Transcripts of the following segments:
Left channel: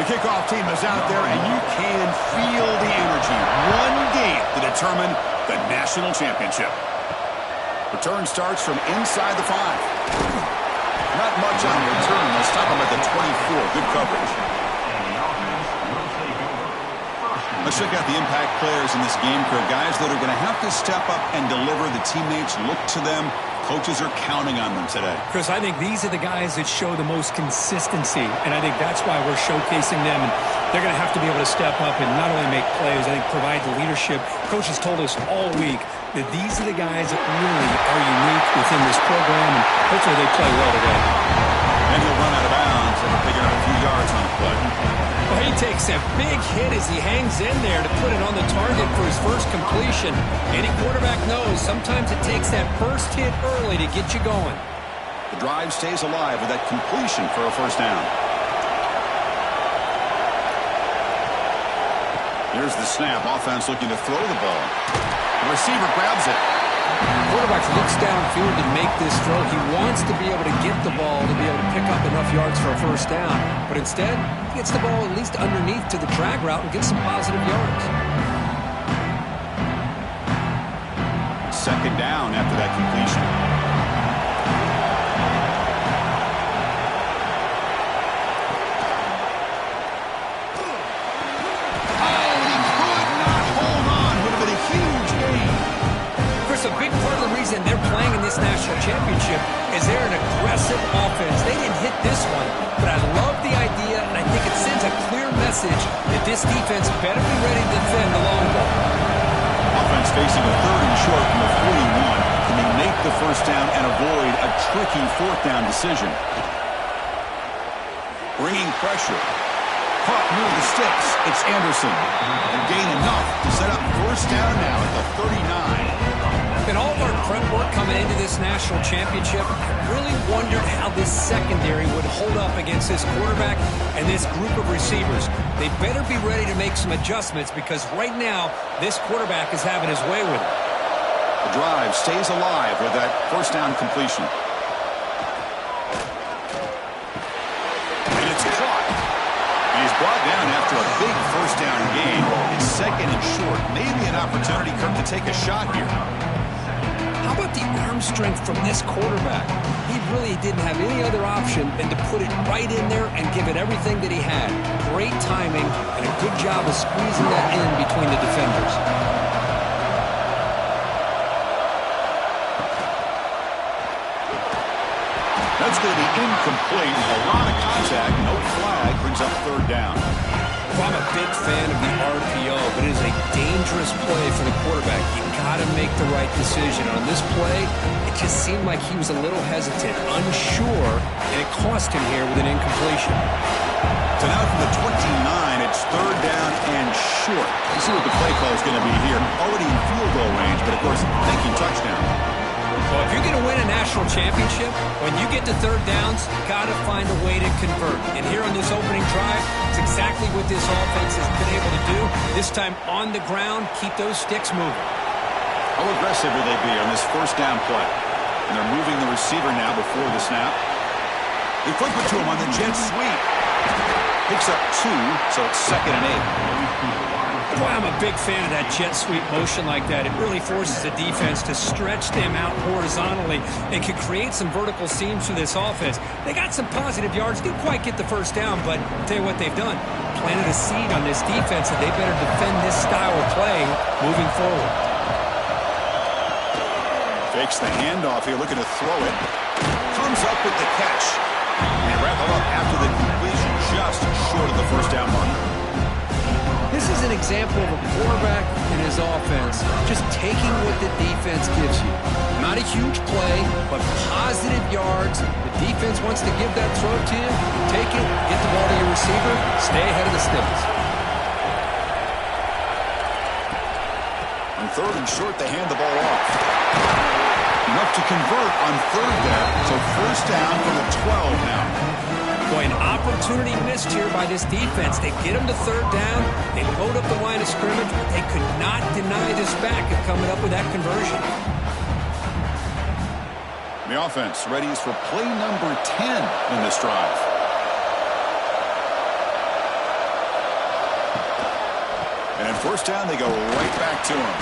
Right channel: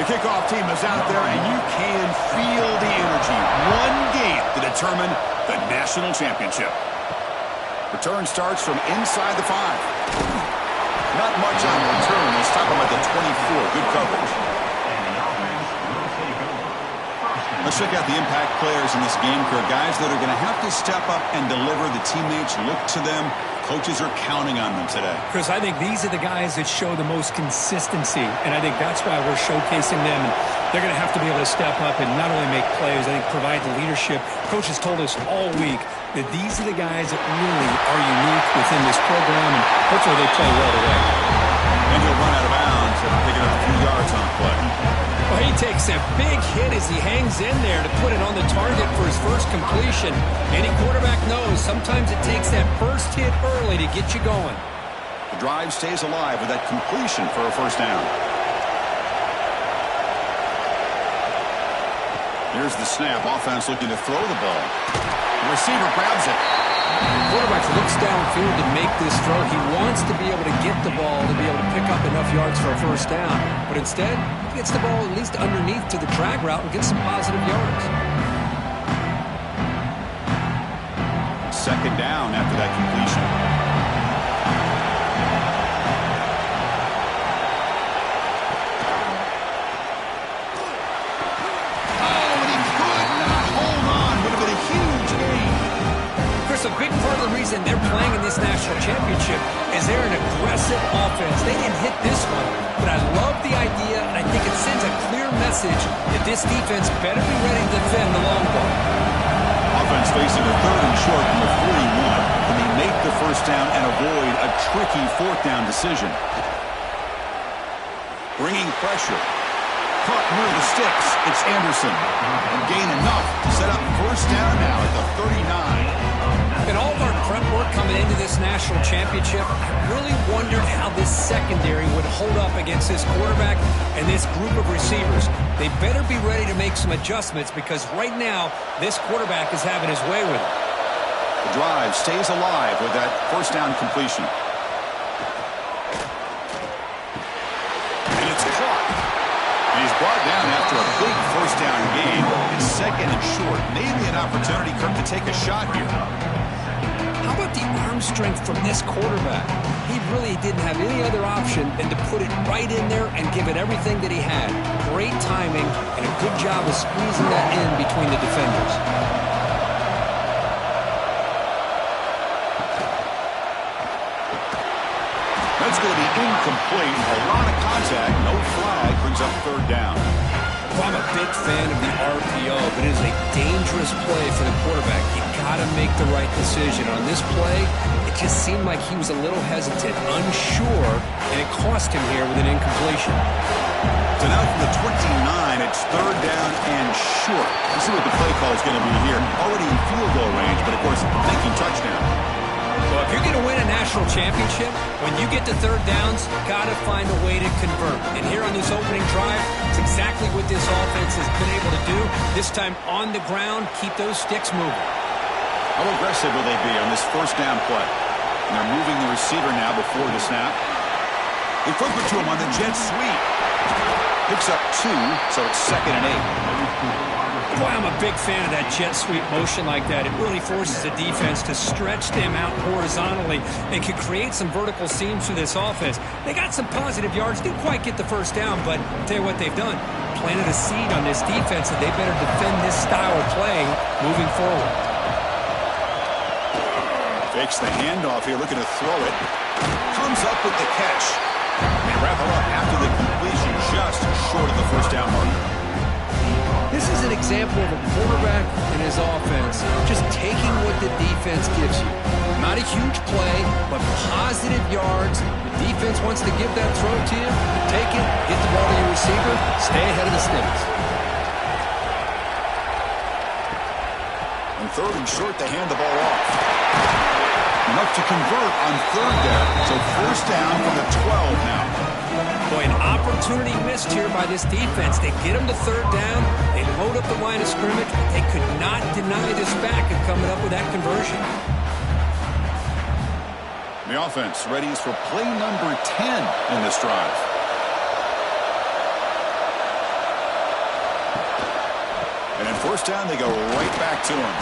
The kickoff team is out there, and you can feel the energy. One game to determine the national championship. Return starts from inside the 5. Not much on return. They'll stop him at the 24. Good coverage. Let's check out the impact players in this game, Kirk. Guys that are going to have to step up and deliver. The teammates look to them. Coaches are counting on them today. Chris, I think these are the guys that show the most consistency, and I think that's why we're showcasing them. And they're going to have to be able to step up and not only make plays, I think provide the leadership. Coaches told us all week that these are the guys that really are unique within this program, and hopefully they play well today. And he'll run out of bounds and pick up a few yards on the play. Well, he takes a big hit as he hangs in there to put it on the target for his first completion. Any quarterback knows sometimes it takes that first hit early to get you going. The drive stays alive with that completion for a first down. Here's the snap. Offense looking to throw the ball. The receiver grabs it. The quarterback looks downfield to make this throw. He wants to be able to get the ball to be able to pick up enough yards for a first down. But instead, he gets the ball at least underneath to the drag route and gets some positive yards. Second down after that completion. Oh, and he could not hold on. Would have been a huge gain. Chris, a big part of the reason they're playing in this national championship is they're an aggressive offense. They didn't hit this one, but I love the idea, and I think it sends a clear message that this defense better be ready to defend the long ball. Offense facing a third and short from the 41. Can they make the first down and avoid a tricky fourth down decision? Bringing pressure. Caught near the sticks. It's Anderson. And gain enough to set up first down now at the 39. In all of our prep work coming into this national championship, I really wondered how this secondary would hold up against this quarterback and this group of receivers. They better be ready to make some adjustments because right now, this quarterback is having his way with it. The drive stays alive with that first down completion. And it's caught. And he's brought down after a big first down gain. It's second and short. Maybe an opportunity, Kirk, to take a shot here. How about the arm strength from this quarterback? He really didn't have any other option than to put it right in there and give it everything that he had. Great timing and a good job of squeezing that in between the defenders. That's going to be incomplete. A lot of contact. No flag. Brings up third down. Well, I'm a big fan of the RPO, but it is a dangerous play for the quarterback. You got to make the right decision. On this play, it just seemed like he was a little hesitant, unsure, and it cost him here with an incompletion. So now from the 29, it's third down and short. Let's see what the play call is going to be here. Already in field goal range, but of course, thinking touchdown. Well, if you're going to win a national championship, when you get to third downs, you got to find a way to convert. And here on this opening drive, it's exactly what this offense has been able to do. This time on the ground, keep those sticks moving. How aggressive will they be on this first down play? And they're moving the receiver now before the snap. They flip it to him on the jet sweep. Picks up 2, so it's second and 8. Boy, I'm a big fan of that jet sweep motion like that. It really forces the defense to stretch them out horizontally and can create some vertical seams for this offense. They got some positive yards, didn't quite get the first down, but I'll tell you what they've done. Planted a seed on this defense that they better defend this style of playing moving forward. Fakes the handoff here, looking to throw it. Comes up with the catch. They wrap him up after the completion, just short of the first down marker. This is an example of a quarterback and his offense just taking what the defense gives you. Not a huge play, but positive yards. The defense wants to give that throw to you. You take it, get the ball to your receiver, stay ahead of the sticks. On third and short, they hand the ball off. Enough to convert on third there. So first down from the 12 now. Boy, an opportunity missed here by this defense. They get them to third down. They load up the line of scrimmage, but they could not deny this back of coming up with that conversion. The offense readies for play number 10 in this drive. And on first down, they go right back to him.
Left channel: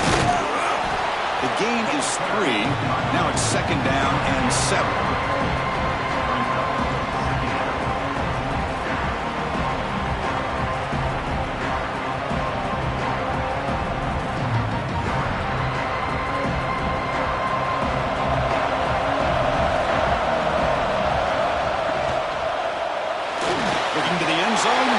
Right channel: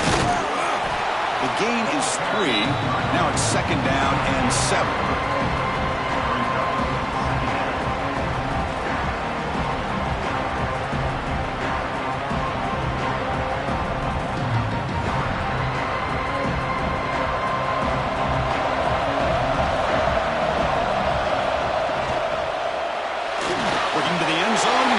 The gain is 3. Now it's second down and 7. Looking to the end zone.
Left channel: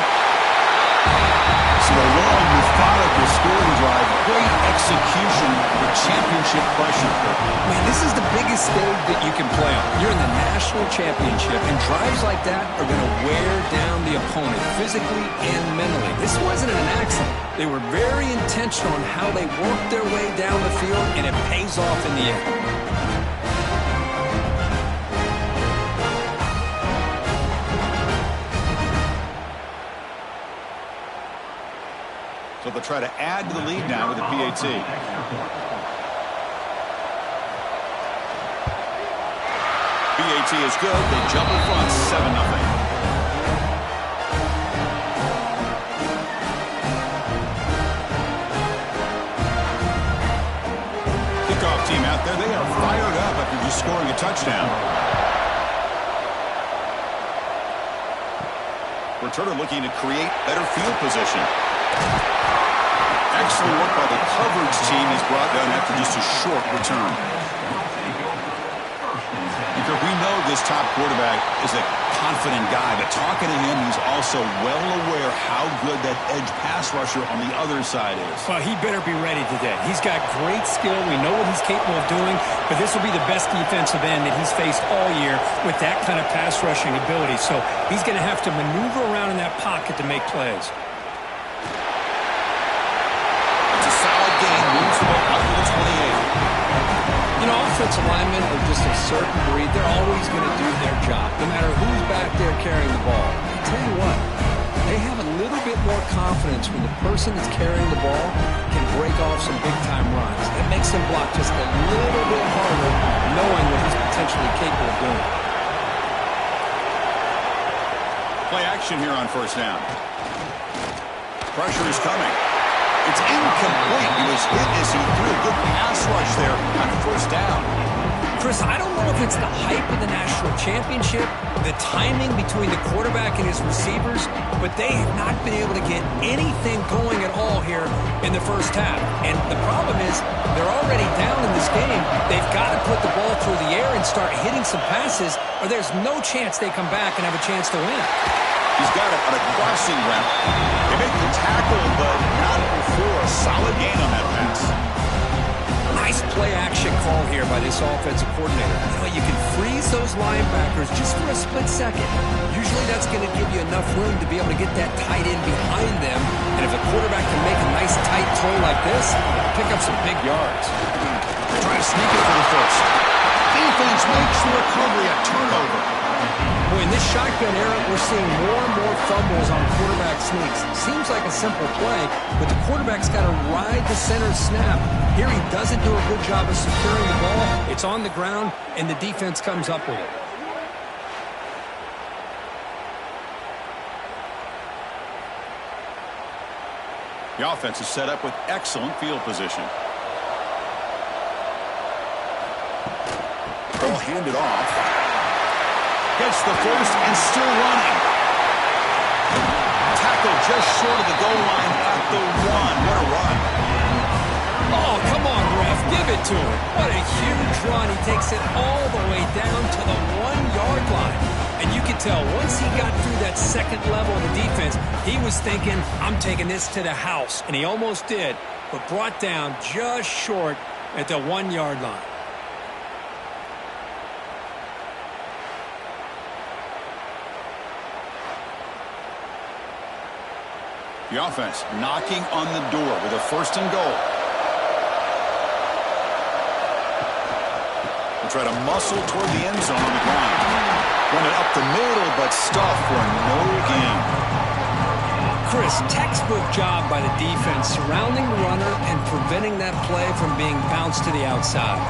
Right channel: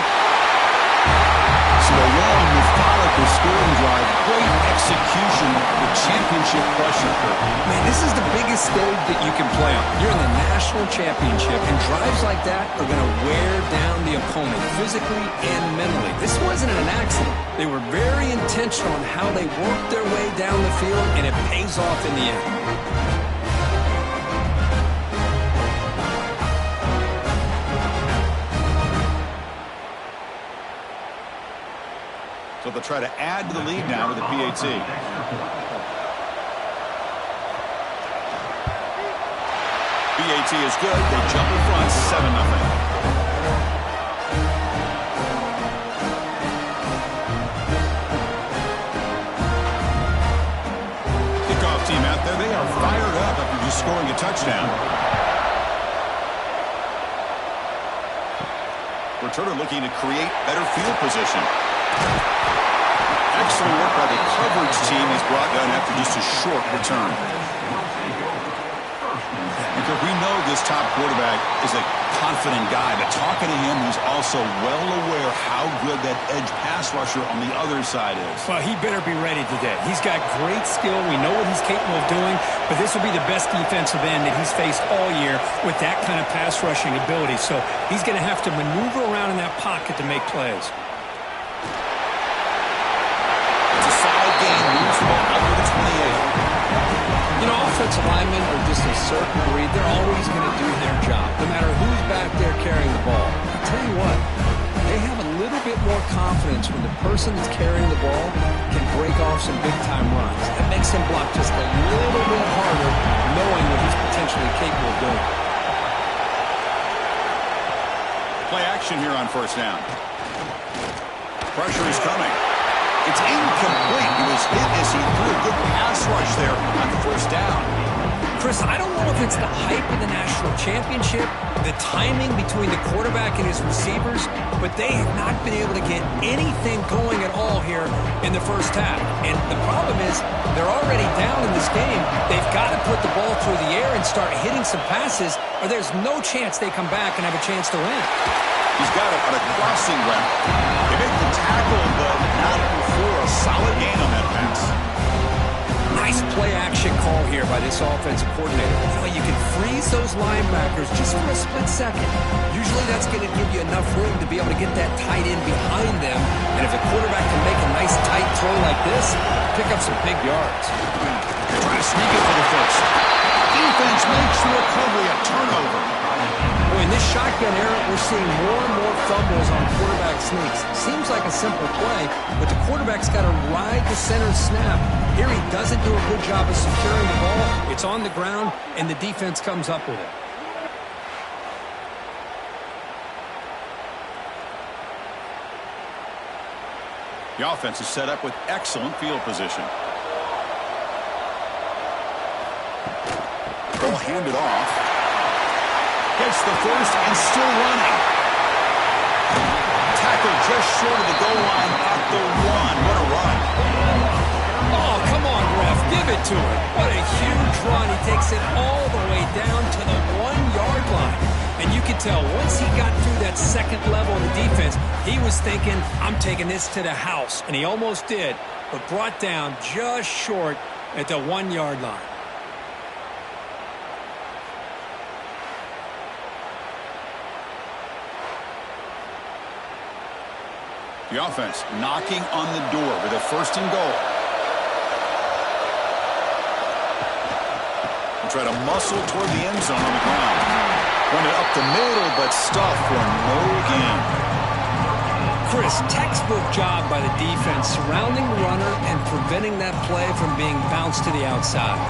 So a long, methodical scoring drive. Great execution with championship pressure. Man, this is the biggest stage that you can play on. You're in the national championship, and drives like that are going to wear down the opponent physically and mentally. This wasn't an accident. They were very intentional on how they worked their way down the field, and it pays off in the end. So they'll try to add to the lead now with the PAT. PAT is good. They jump in front, 7-0. Kickoff team out there. They are fired up after just scoring a touchdown. Returner looking to create better field position. Excellent work by the coverage team. He's brought down after just a short return. We know this top quarterback is a confident guy, but talking to him, he's also well aware how good that edge pass rusher on the other side is. Well, he better be ready today. He's got great skill. We know what he's capable of doing, but this will be the best defensive end that he's faced all year with that kind of pass rushing ability. So he's going to have to maneuver around in that pocket to make plays. Solid gain, moves the ball out to the 28. You know, offensive linemen are just a certain breed. They're always going to do their job, no matter who's back there carrying the ball. I tell you what, they have a little bit more confidence when the person that's carrying the ball can break off some big-time runs. It makes them block just a little bit harder, knowing what he's potentially capable of doing. Play action here on first down. Pressure is coming. It's incomplete. He was hit as he threw a good pass rush there on first down. Chris, I don't know if it's the hype of the national championship, the timing between the quarterback and his receivers, but they have not been able to get anything going at all here in the first half. And the problem is they're already down in this game. They've got to put the ball through the air and start hitting some passes, or there's no chance they come back and have a chance to win. He's got it on a crossing route. They make the tackle, but not before a solid gain on that pass. Nice play-action call here by this offensive coordinator. You know, you can freeze those linebackers just for a split second. Usually that's going to give you enough room to be able to get that tight end behind them. And if the quarterback can make a nice tight throw like this, pick up some big yards. They're trying to sneak it for the first. Defense makes the recovery a turnover. Boy, in this shotgun era, we're seeing more and more fumbles on quarterback sneaks. Seems like a simple play, but the quarterback's got to ride the center snap. Here he doesn't do a good job of securing the ball. It's on the ground, and the defense comes up with it. The offense is set up with excellent field position. They'll hand it off. Gets the first and still running. Tackle just short of the goal line at the 1. What a run. Oh, come on, ref. Give it to him. What a huge run. He takes it all the way down to the 1-yard line. And you can tell once he got through that second level of the defense, he was thinking, I'm taking this to the house. And he almost did, but brought down just short at the 1-yard line. The offense knocking on the door with a first and goal. They'll try to muscle toward the end zone on the ground. Run it up the middle, but stuffed for no gain. Chris, textbook job by the defense surrounding the runner and preventing that play from being bounced to the outside.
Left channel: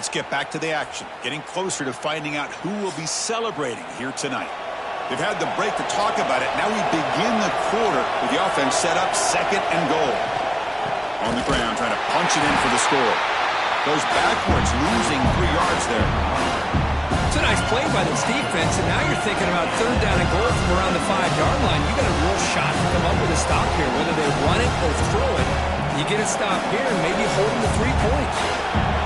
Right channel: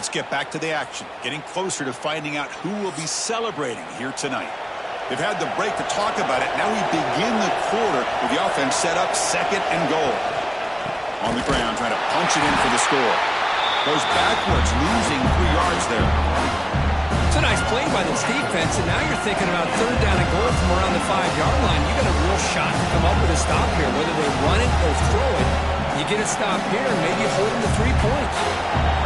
Let's get back to the action, getting closer to finding out who will be celebrating here tonight. They've had the break to talk about it. Now we begin the quarter with the offense set up, 2nd and goal. On the ground, trying to punch it in for the score. Goes backwards, losing 3 yards there. It's a nice play by this defense, and now you're thinking about 3rd down and goal from around the 5-yard line. You got a real shot to come up with a stop here, whether they run it or throw it. You get a stop here, and maybe hold them to 3 points.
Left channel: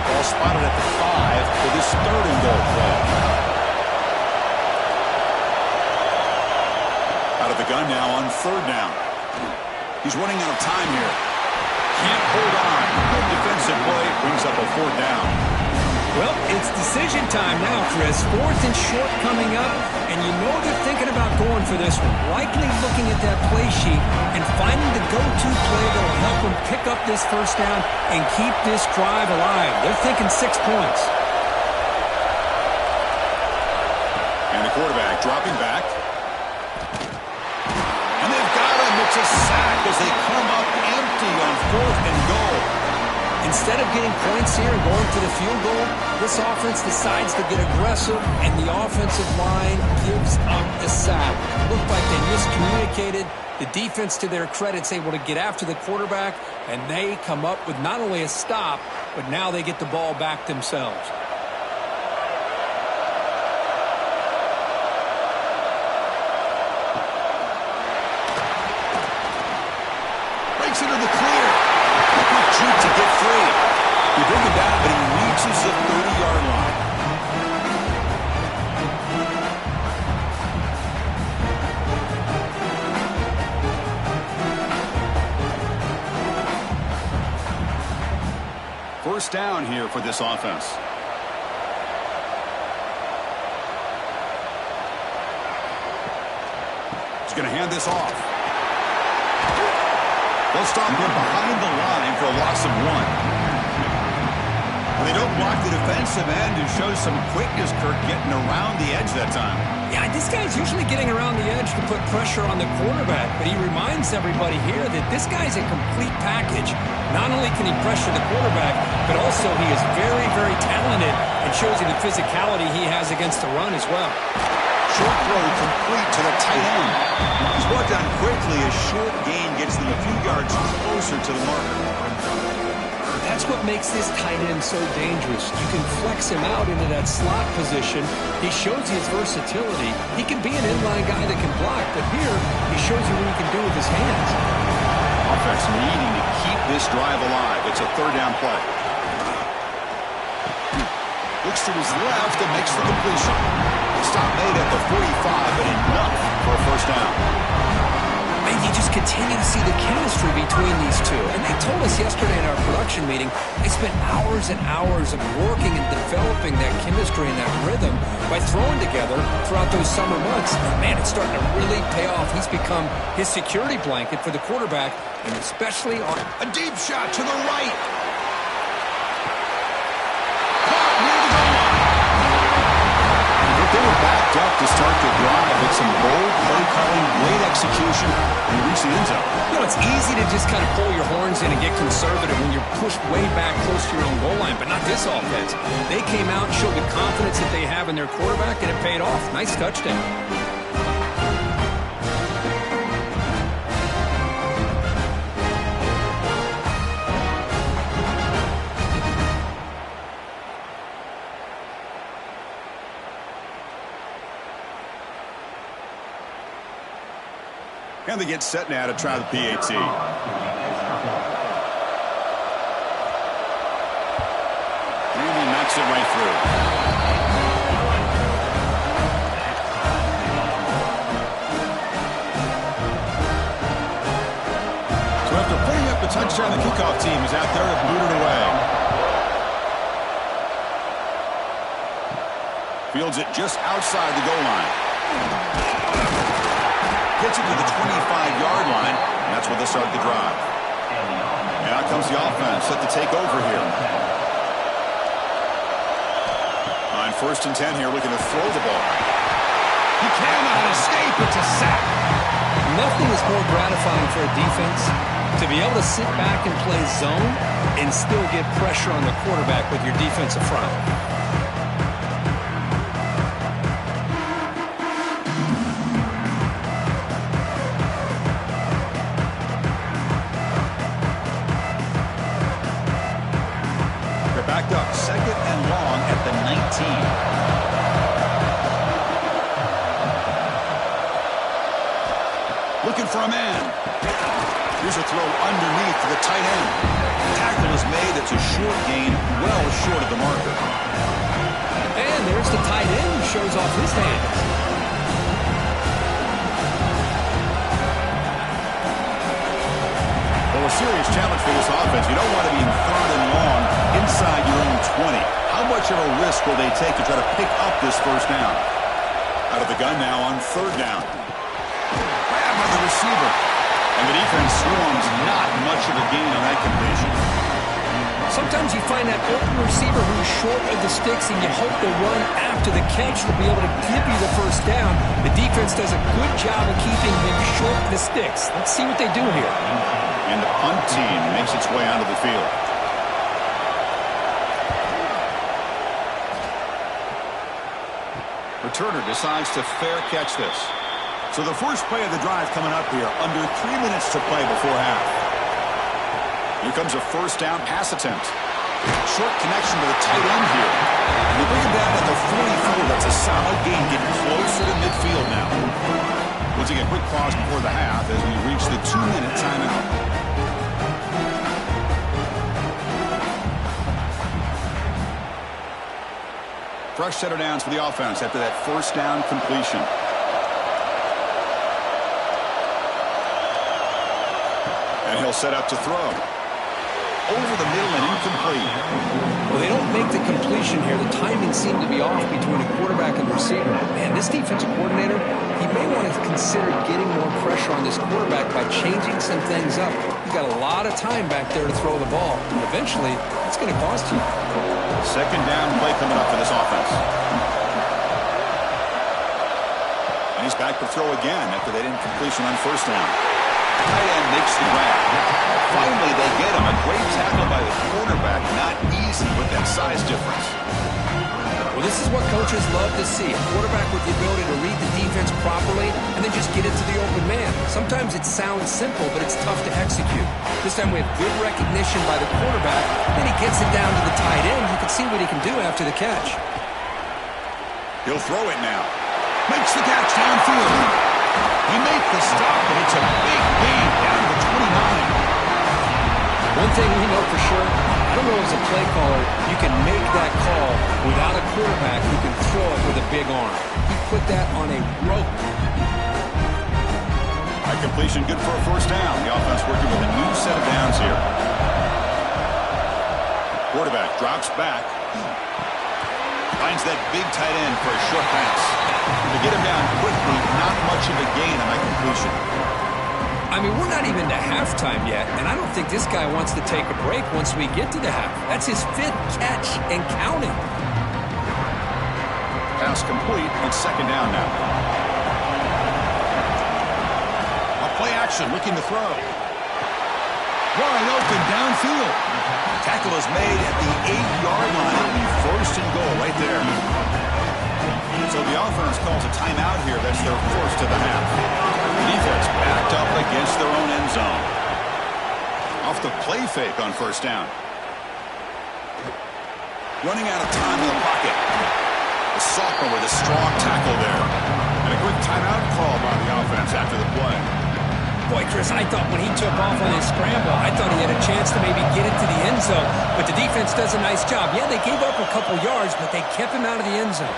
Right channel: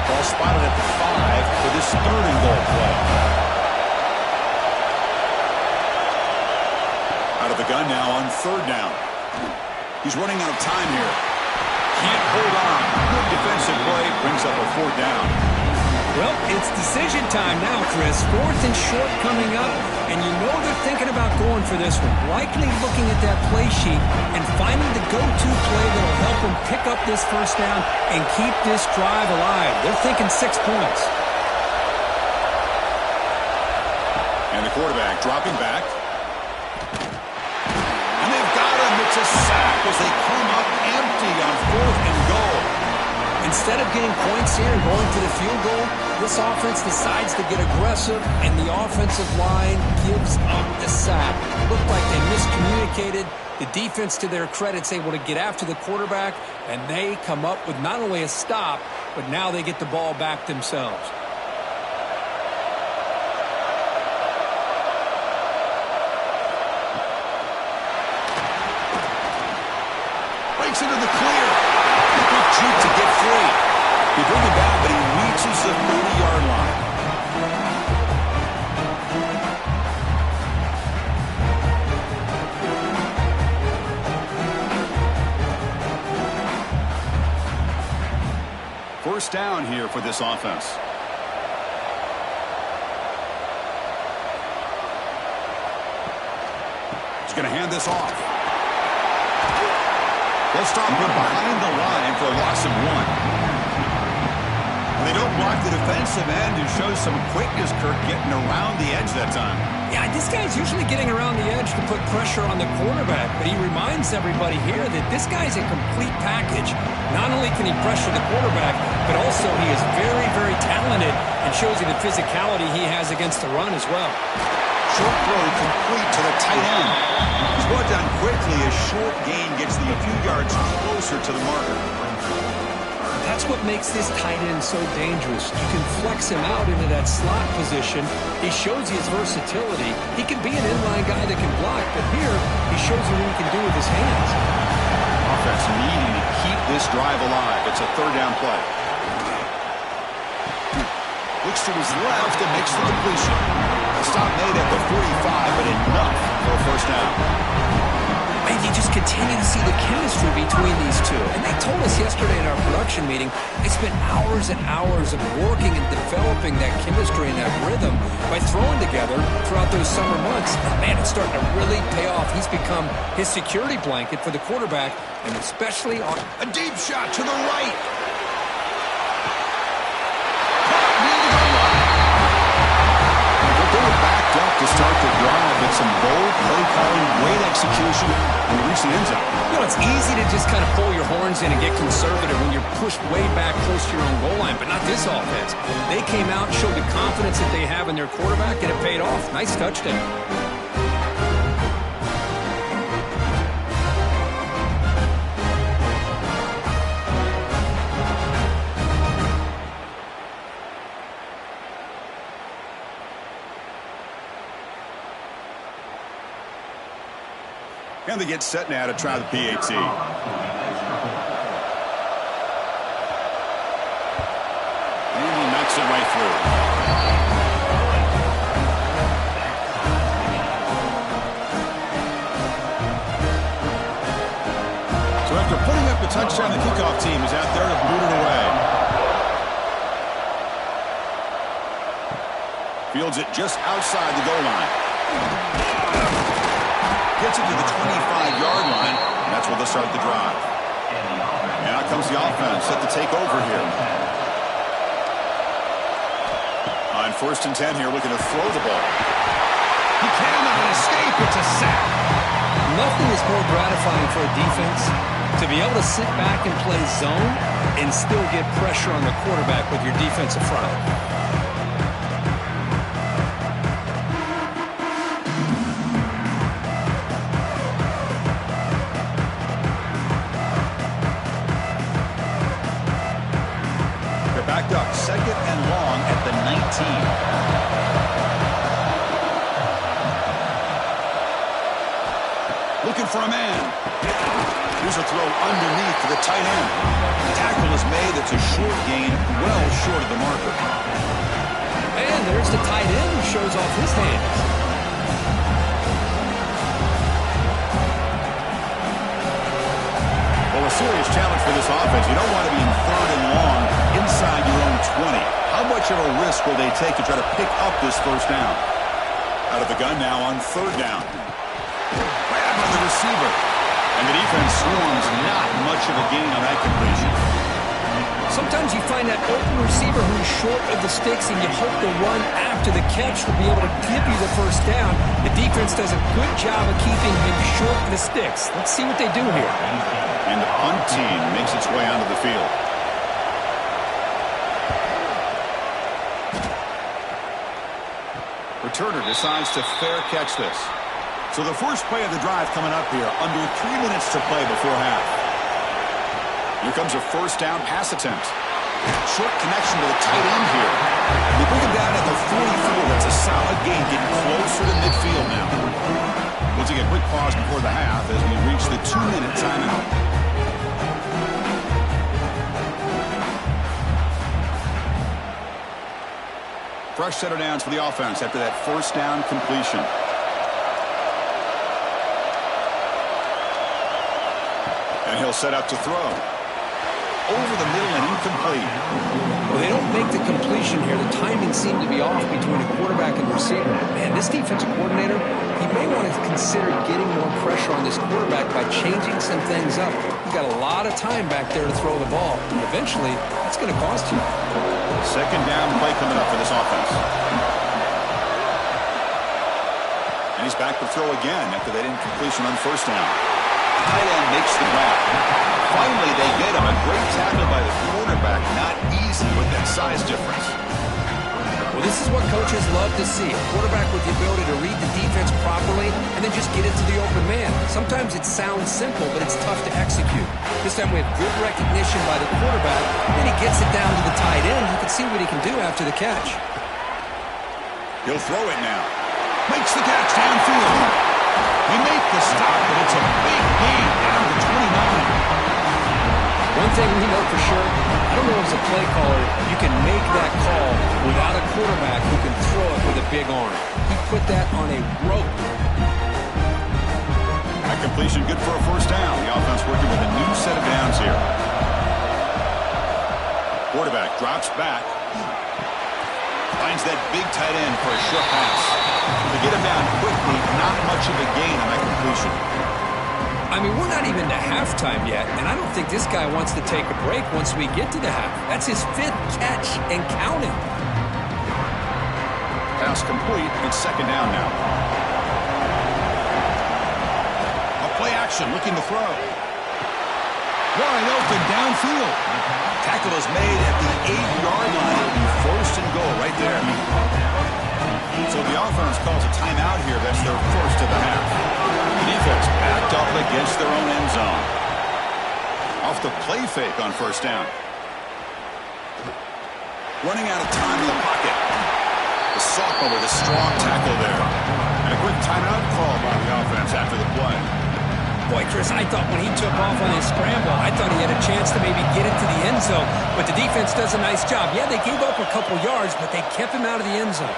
Ball spotted at the 5 for this 3rd and goal play. Out of the gun now on 3rd down. He's running out of time here. Can't hold on. Good defensive play. Brings up a 4th down. Well, it's decision time now, Chris. 4th and short coming up, and you know they're thinking about going for this one. Likely looking at that play sheet and finding the go-to play that will help them pick up this 1st down and keep this drive alive. They're thinking 6 points. And the quarterback dropping back. And they've got him. It's a sack as they come up empty on 4th and goal. Instead of getting points here and going for the field goal, this offense decides to get aggressive, and the offensive line gives up the sack. Looked like they miscommunicated. The defense, to their credit, is able to get after the quarterback, and they come up with not only a stop, but now they get the ball back themselves. Breaks into the clear. Quick juke to get free. They bring him down, but he reaches the 30-yard line. First down here for this offense. He's going to hand this off. They'll stop him behind the line for a loss of 1. Well, they don't block the defensive end, who shows some quickness, Kirk, getting around the edge that time. Yeah, this guy's usually getting around the edge to put pressure on the quarterback, but he reminds everybody here that this guy's a complete package. Not only can he pressure the quarterback, but also he is very, very talented and shows you the physicality he has against the run as well. Short throw complete to the tight end. He's brought down quickly as short gain gets them a few yards closer to the marker. That's what makes this tight end so dangerous. You can flex him out into that slot position. He shows you his versatility. He can be an inline guy that can block, but here he shows you what he can do with his hands. Offense needing to keep this drive alive. It's a 3rd down play. Looks to his left and makes the completion. Stop made at the 45, but enough for a 1st down. And you just continue to see the chemistry between these two. And they told us yesterday in our production meeting, they spent hours and hours of working and developing that chemistry and that rhythm by throwing together throughout those summer months. And man, it's starting to really pay off. He's become his security blanket for the quarterback, and especially on a deep shot to the right. Caught near the goal line. They were backed up to start the drive, but some bold play calling, great execution, and they reached the end zone. You know, it's easy to just kind of pull your horns in and get conservative when you're pushed way back close to your own goal line, but not this offense. They came out, showed the confidence that they have in their quarterback, and it paid off. Nice touchdown. And they get set now to try the PAT. And he knocks it right through. So after putting up the touchdown, the kickoff team is out there to boot it away. Fields it just outside the goal line. Gets it to the 25-yard line, and that's where they'll start the drive. And out comes the offense, set to take over here. On 1st and 10 here, looking to throw the ball. He cannot escape. It's a sack. Nothing is more gratifying for a defense To be able to sit back and play zone and still get pressure on the quarterback with your defensive front. They're backed up, 2nd and long at the 19. Looking for a man. Here's a throw underneath to the tight end. The tackle is made. It's a short gain, well short of the marker. And there's the tight end who shows off his hands. Well, a serious challenge for this offense. You don't want to be in 3rd and long inside your own 20. How much of a risk will they take to try to pick up this 1st down? Out of the gun now on 3rd down. Grab on the receiver. And the defense swarms, not much of a gain on that completion. Sometimes you find that open receiver who's short of the sticks, and you hope the run after the catch will be able to give you the 1st down. The defense does a good job of keeping him short of the sticks. Let's see what they do here. And the punt team makes its way onto the field. Returner decides to fair catch this. So the first play of the drive coming up here, under 3 minutes to play before half. Here comes a 1st down pass attempt. Short connection to the tight end here. They bring him down at the 44. That's a solid gain, getting closer to midfield now. We'll take a quick pause before the half as we reach the 2-minute timeout. Fresh set of downs for the offense after that 1st down completion. And he'll set up to throw. Over the middle and incomplete. Well, they don't make the completion here. The timing seemed to be off between a quarterback and receiver. Man, this defensive coordinator, he may want to consider getting more pressure on this quarterback by changing some things up. He's got a lot of time back there to throw the ball. And eventually, that's going to cost you. 2nd down play coming up for this offense. And he's back to throw again after that incompletion on 1st down. Tight end makes the grab. Finally, they get him. A great tackle by the quarterback. Not easy with that size difference. Well, this is what coaches love to see. A quarterback with the ability to read the defense properly and then just get it to the open man. Sometimes it sounds simple, but it's tough to execute. This time we have good recognition by the quarterback. Then he gets it down to the tight end. You can see what he can do after the catch. He'll throw it now. Makes the catch downfield. He made the stop, and it's a big gain down to 29. One thing we know for sure, I don't know as a play caller, you can make that call without a quarterback who can throw it with a big arm. He put that on a rope. That completion good for a 1st down. The offense working with a new set of downs here. Quarterback drops back. Finds that big tight end for a short pass. To get him down quickly, not much of a gain on that completion. I mean, we're not even to halftime yet, and I don't think this guy wants to take a break once we get to the half. That's his 5th catch and counting. Pass complete, and 2nd down now. A play action, looking to throw. Wide open downfield. Tackle is made at the 8-yard line. It'll be 1st and goal right there. So the offense calls a timeout here. That's their 1st of the half. The defense backed up against their own end zone. Off the play fake on 1st down. Running out of time in the pocket. The sophomore with a strong tackle there. And a quick timeout call by the offense after the play. Boy, Chris, I thought when he took off on his scramble, I thought he had a chance to maybe get into the end zone. But the defense does a nice job. Yeah, they gave up a couple yards, but they kept him out of the end zone.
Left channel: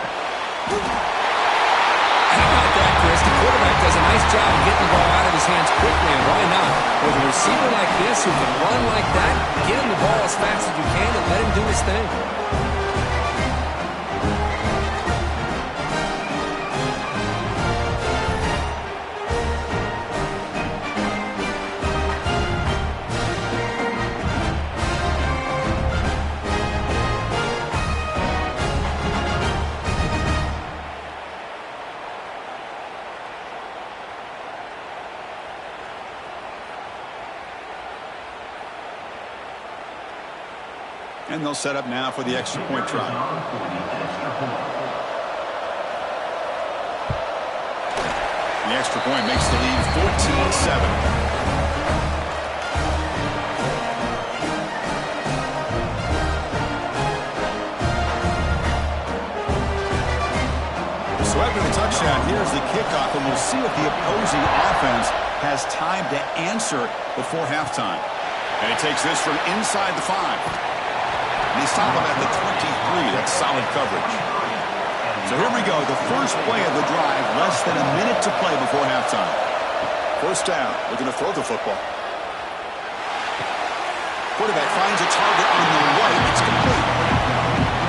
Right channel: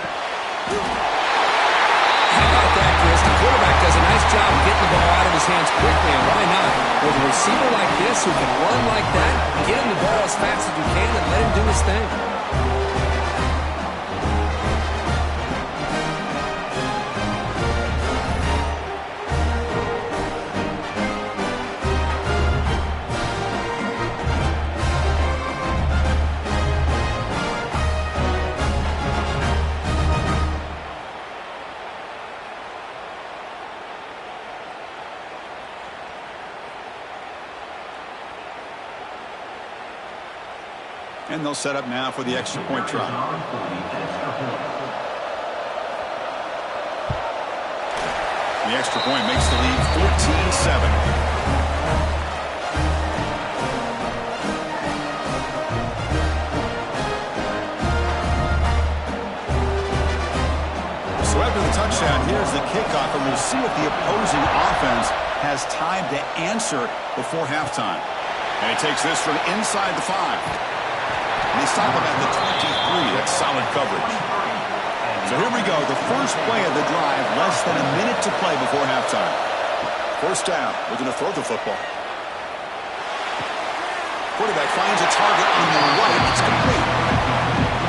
How about that, Chris? The quarterback does a nice job of getting the ball out of his hands quickly, and why not? With a receiver like this who can run like that, get him the ball as fast as you can and let him do his thing. And they'll set up now for the extra point try. The extra point makes the lead 14-7. So after the touchdown, here's the kickoff, and we'll see if the opposing offense has time to answer before halftime. And he takes this from inside the 5. And they stop him at the 23. That's solid coverage. So here we go, the first play of the drive, less than a minute to play before halftime. First down, looking to throw the football. Quarterback finds a target on the right. It's complete.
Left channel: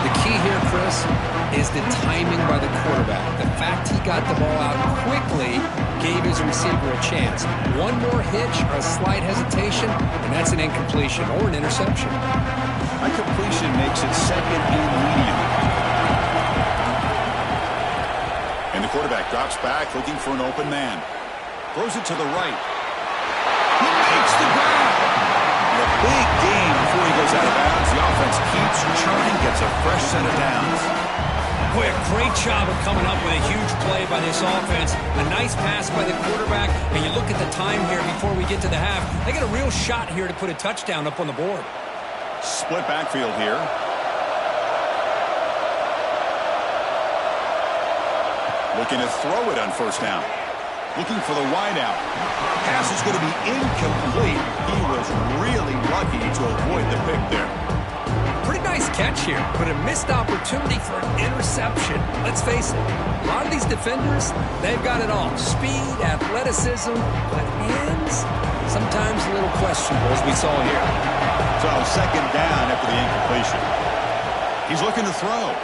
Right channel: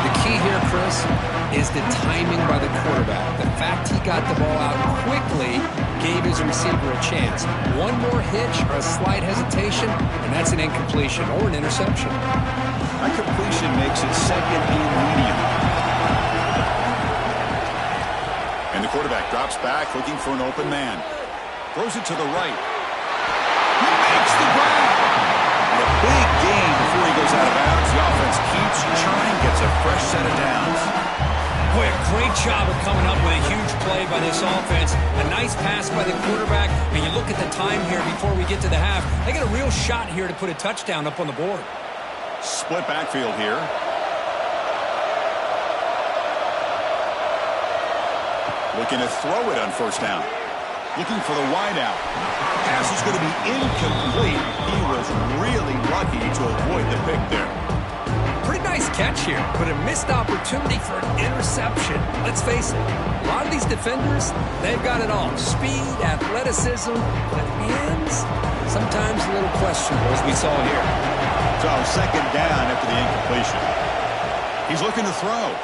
The key here, Chris, is the timing by the quarterback. The fact he got the ball out quickly gave his receiver a chance. One more hitch or a slight hesitation, and that's an incompletion or an interception. A completion makes it second and medium. And the quarterback drops back, looking for an open man. Throws it to the right. He makes the grab. And a big gain before he goes out of bounds. The offense keeps churning, gets a fresh set of downs. Boy, a great job of coming up with a huge play by this offense. A nice pass by the quarterback. And you look at the time here before we get to the half. They got a real shot here to put a touchdown up on the board. Split backfield here. Looking to throw it on first down. Looking for the wide out. Pass is going to be incomplete. He was really lucky to avoid the pick there. Pretty nice catch here, but a missed opportunity for an interception. Let's face it, a lot of these defenders, they've got it all. Speed, athleticism, but hands, sometimes a little questionable, as we saw here. So second down after the incompletion. He's looking to throw.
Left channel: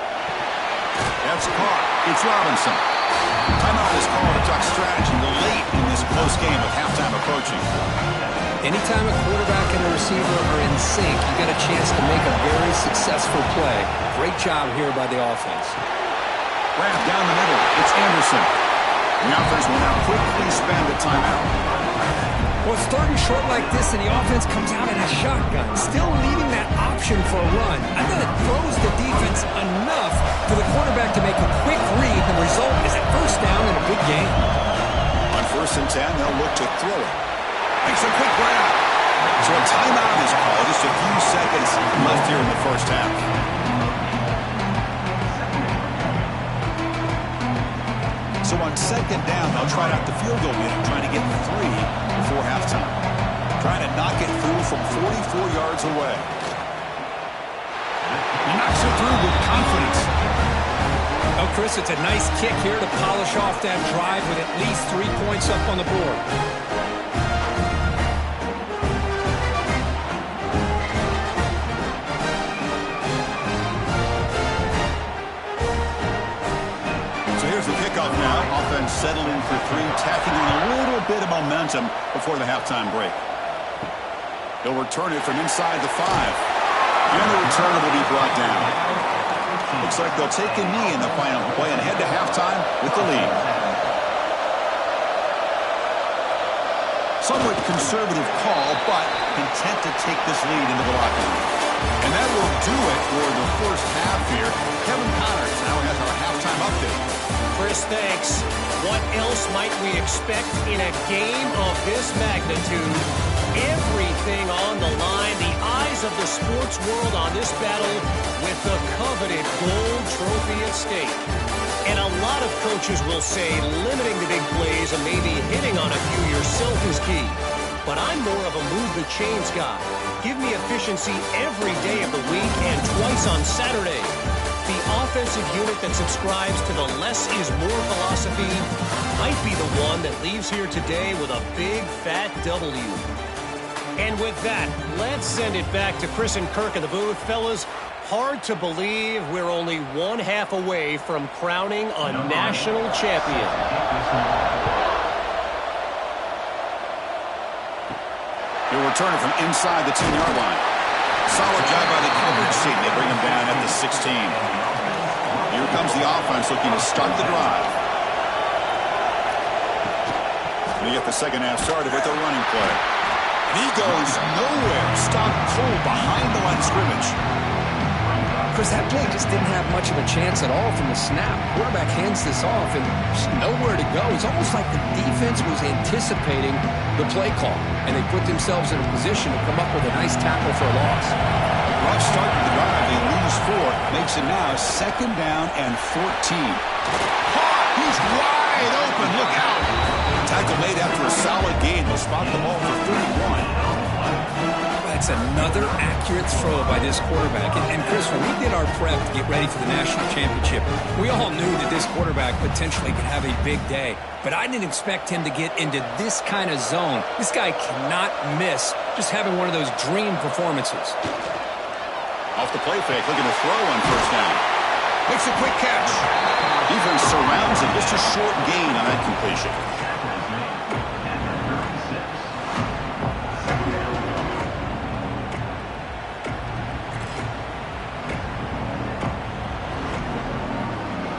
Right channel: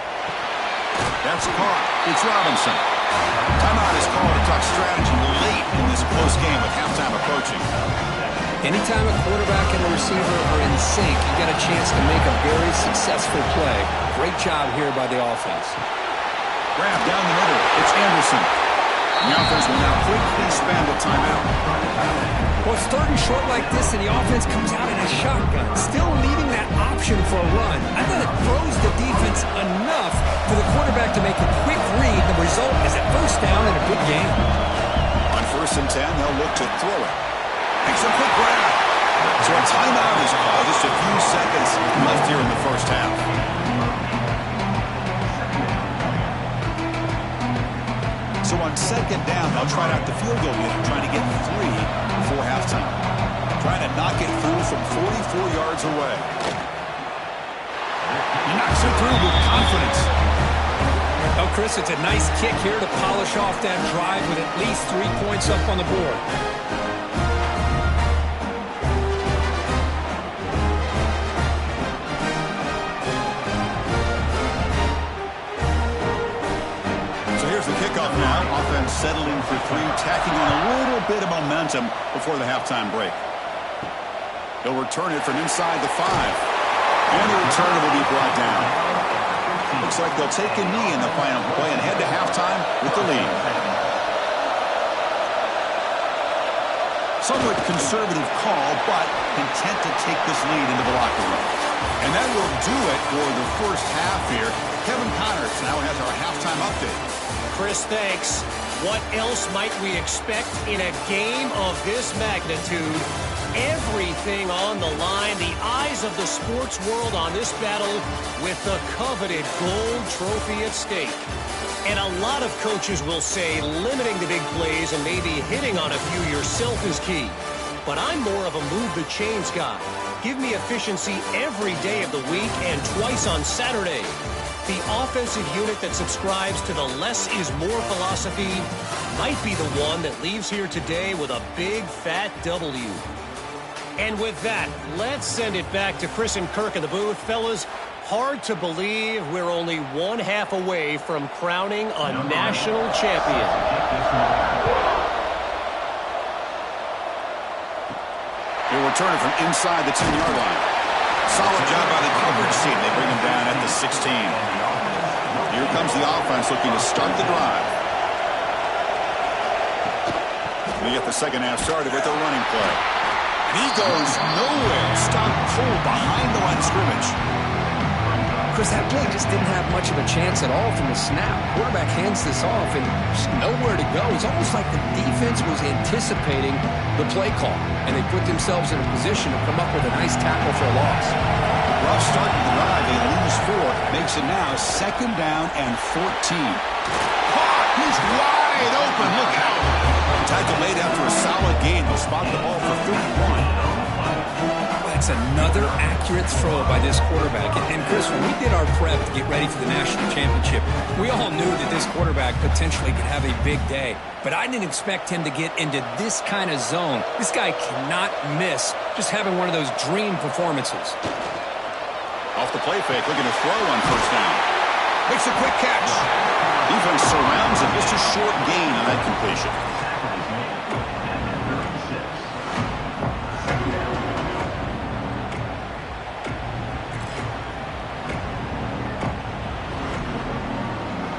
That's caught. It's Robinson. Timeout is called to talk strategy late in this close game with halftime approaching. Anytime a quarterback and a receiver are in sync, you got a chance to make a very successful play. Great job here by the offense. Grab down the middle. It's Anderson. The offense will now quickly spend a timeout. Well, it's third and short like this, and the offense comes out in a shotgun, still leaving that option for a run. I thought it throws the defense enough for the quarterback to make a quick read. The result is a first down in a big game. On 1st and 10, they'll look to throw it. Makes a quick grab. So a timeout is called. Just a few seconds left here in the first half. So on second down, they'll try out the field goal unit, trying to get 3 before halftime. Trying to knock it through from 44 yards away. He knocks it through with confidence. Oh, Chris, it's a nice kick here to polish off that drive with at least 3 points up on the board. So here's the kickoff now. Offense settling for 3, tacking on a little bit of momentum before the halftime break. He'll return it from inside the 5. And the returner will be brought down. Looks like they'll take a knee in the final play and head to halftime with the lead. Somewhat conservative call, but intent to take this lead into the locker room. And that will do it for the first half here. Kevin Connors now has our halftime update. Chris, thanks. What else might we expect in a game of this magnitude? Everything on the line. The eyes of the sports world on this battle with the coveted gold trophy at stake. And a lot of coaches will say limiting the big plays and maybe hitting on a few yourself is key. But I'm more of a move the chains guy. Give me efficiency every day of the week and twice on Saturday. The offensive unit that subscribes to the less is more philosophy might be the one that leaves here today with a big fat W. And with that, let's send it back to Chris and Kirk in the booth. Fellas, hard to believe we're only 1/2 away from crowning a national champion. He'll return it from inside the 10-yard line. Solid job by the coverage team. They bring him down at the 16. Here comes the offense looking to start the drive. We get the second half started with a running play. And he goes nowhere. Stopped cold behind the line of scrimmage. Chris, that play just didn't have much of a chance at all from the snap. Quarterback hands this off and just nowhere to go. It's almost like the defense was anticipating the play call, and they put themselves in a position to come up with a nice tackle for a loss. Rough start to the drive. They lose 4. Makes it now 2nd down and 14. Caught! He's wide open. Look out! Tackle made after a solid gain. They'll spot the ball for 31. That's another accurate throw by this quarterback. And Chris, when we did our prep to get ready for the national championship, we all knew that this quarterback potentially could have a big day. But I didn't expect him to get into this kind of zone. This guy cannot miss just having one of those dream performances. Off the play fake, looking to throw on 1st down. Makes a quick catch. Defense surrounds him. Just a short gain on that completion.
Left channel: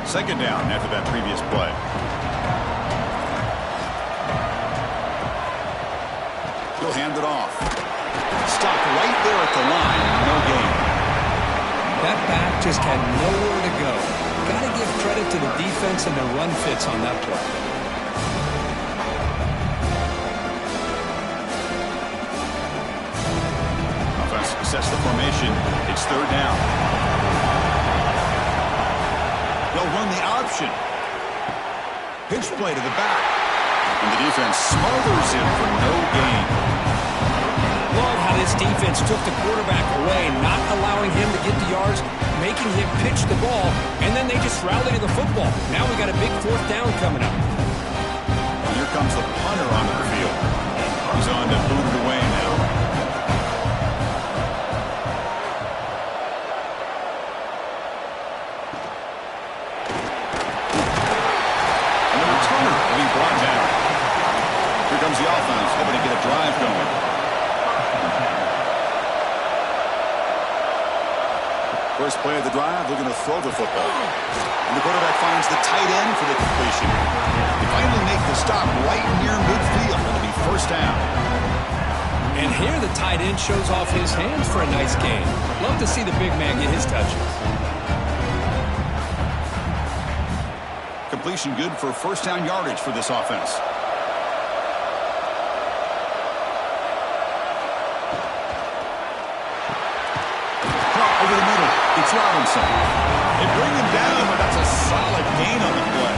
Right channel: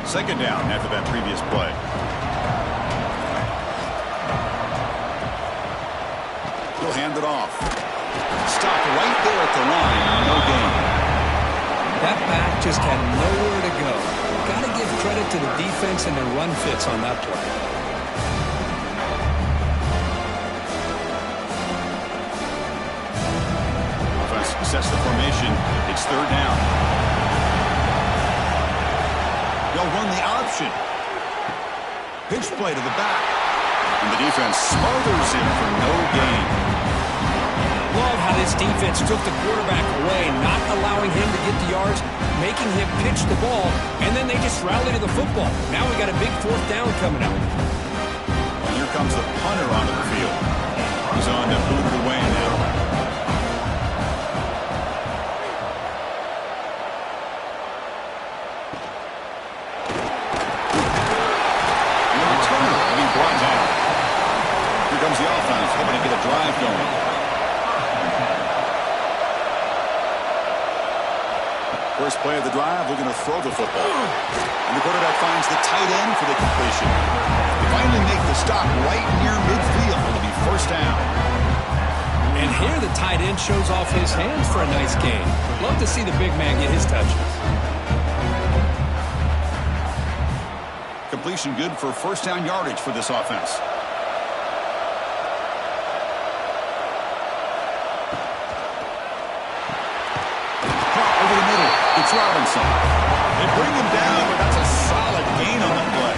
Second down after that previous play. He'll hand it off. Stop right there at the line. No gain. That back just had nowhere to go. Got to give credit to the defense and their run fits on that play. Offense sets the formation. It's 3rd down. They'll run the option. Pitch play to the back. And the defense smothers him for no gain. Love how this defense took the quarterback away, not allowing him to get the yards, making him pitch the ball, and then they just rally to the football. Now we got a big 4th down coming up. And here comes the punter onto the field. He's on to boot it away now. Brought down. Here comes the offense, hoping to get a drive going. First play of the drive, looking to throw the football. And the quarterback finds the tight end for the completion. They finally make the stop right near midfield. It'll be 1st down. And here the tight end shows off his hands for a nice gain. Love to see the big man get his touches. Completion good for 1st down yardage for this offense. Drop over the middle. It's Robinson. They bring him down, but that's a solid gain on the play.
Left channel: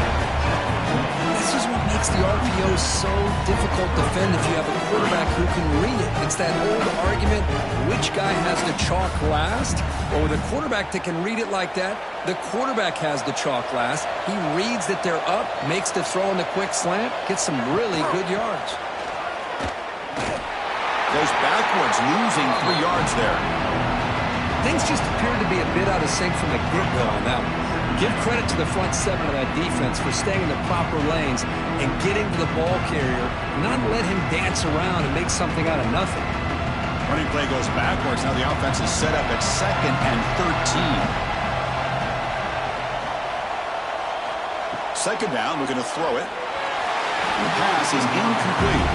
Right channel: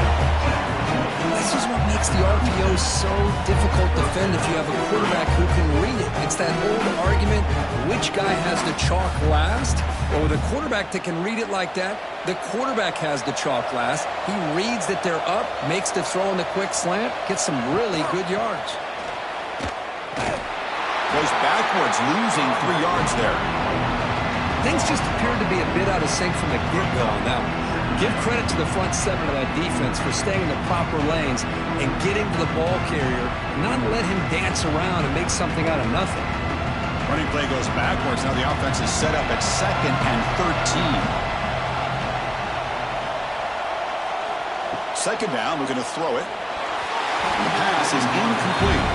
This is what makes the RPO so difficult to defend if you have a quarterback who can read it. It's that old argument, which guy has the chalk last? Well, with a quarterback that can read it like that, the quarterback has the chalk last. He reads that they're up, makes the throw in the quick slant, gets some really good yards. Goes backwards, losing 3 yards there. Things just appeared to be a bit out of sync from the get-go on that one. Give credit to the front 7 of that defense for staying in the proper lanes and getting to the ball carrier, not let him dance around and make something out of nothing. Running play goes backwards. Now the offense is set up at 2nd and 13. 2nd down, we're going to throw it. And the pass is incomplete.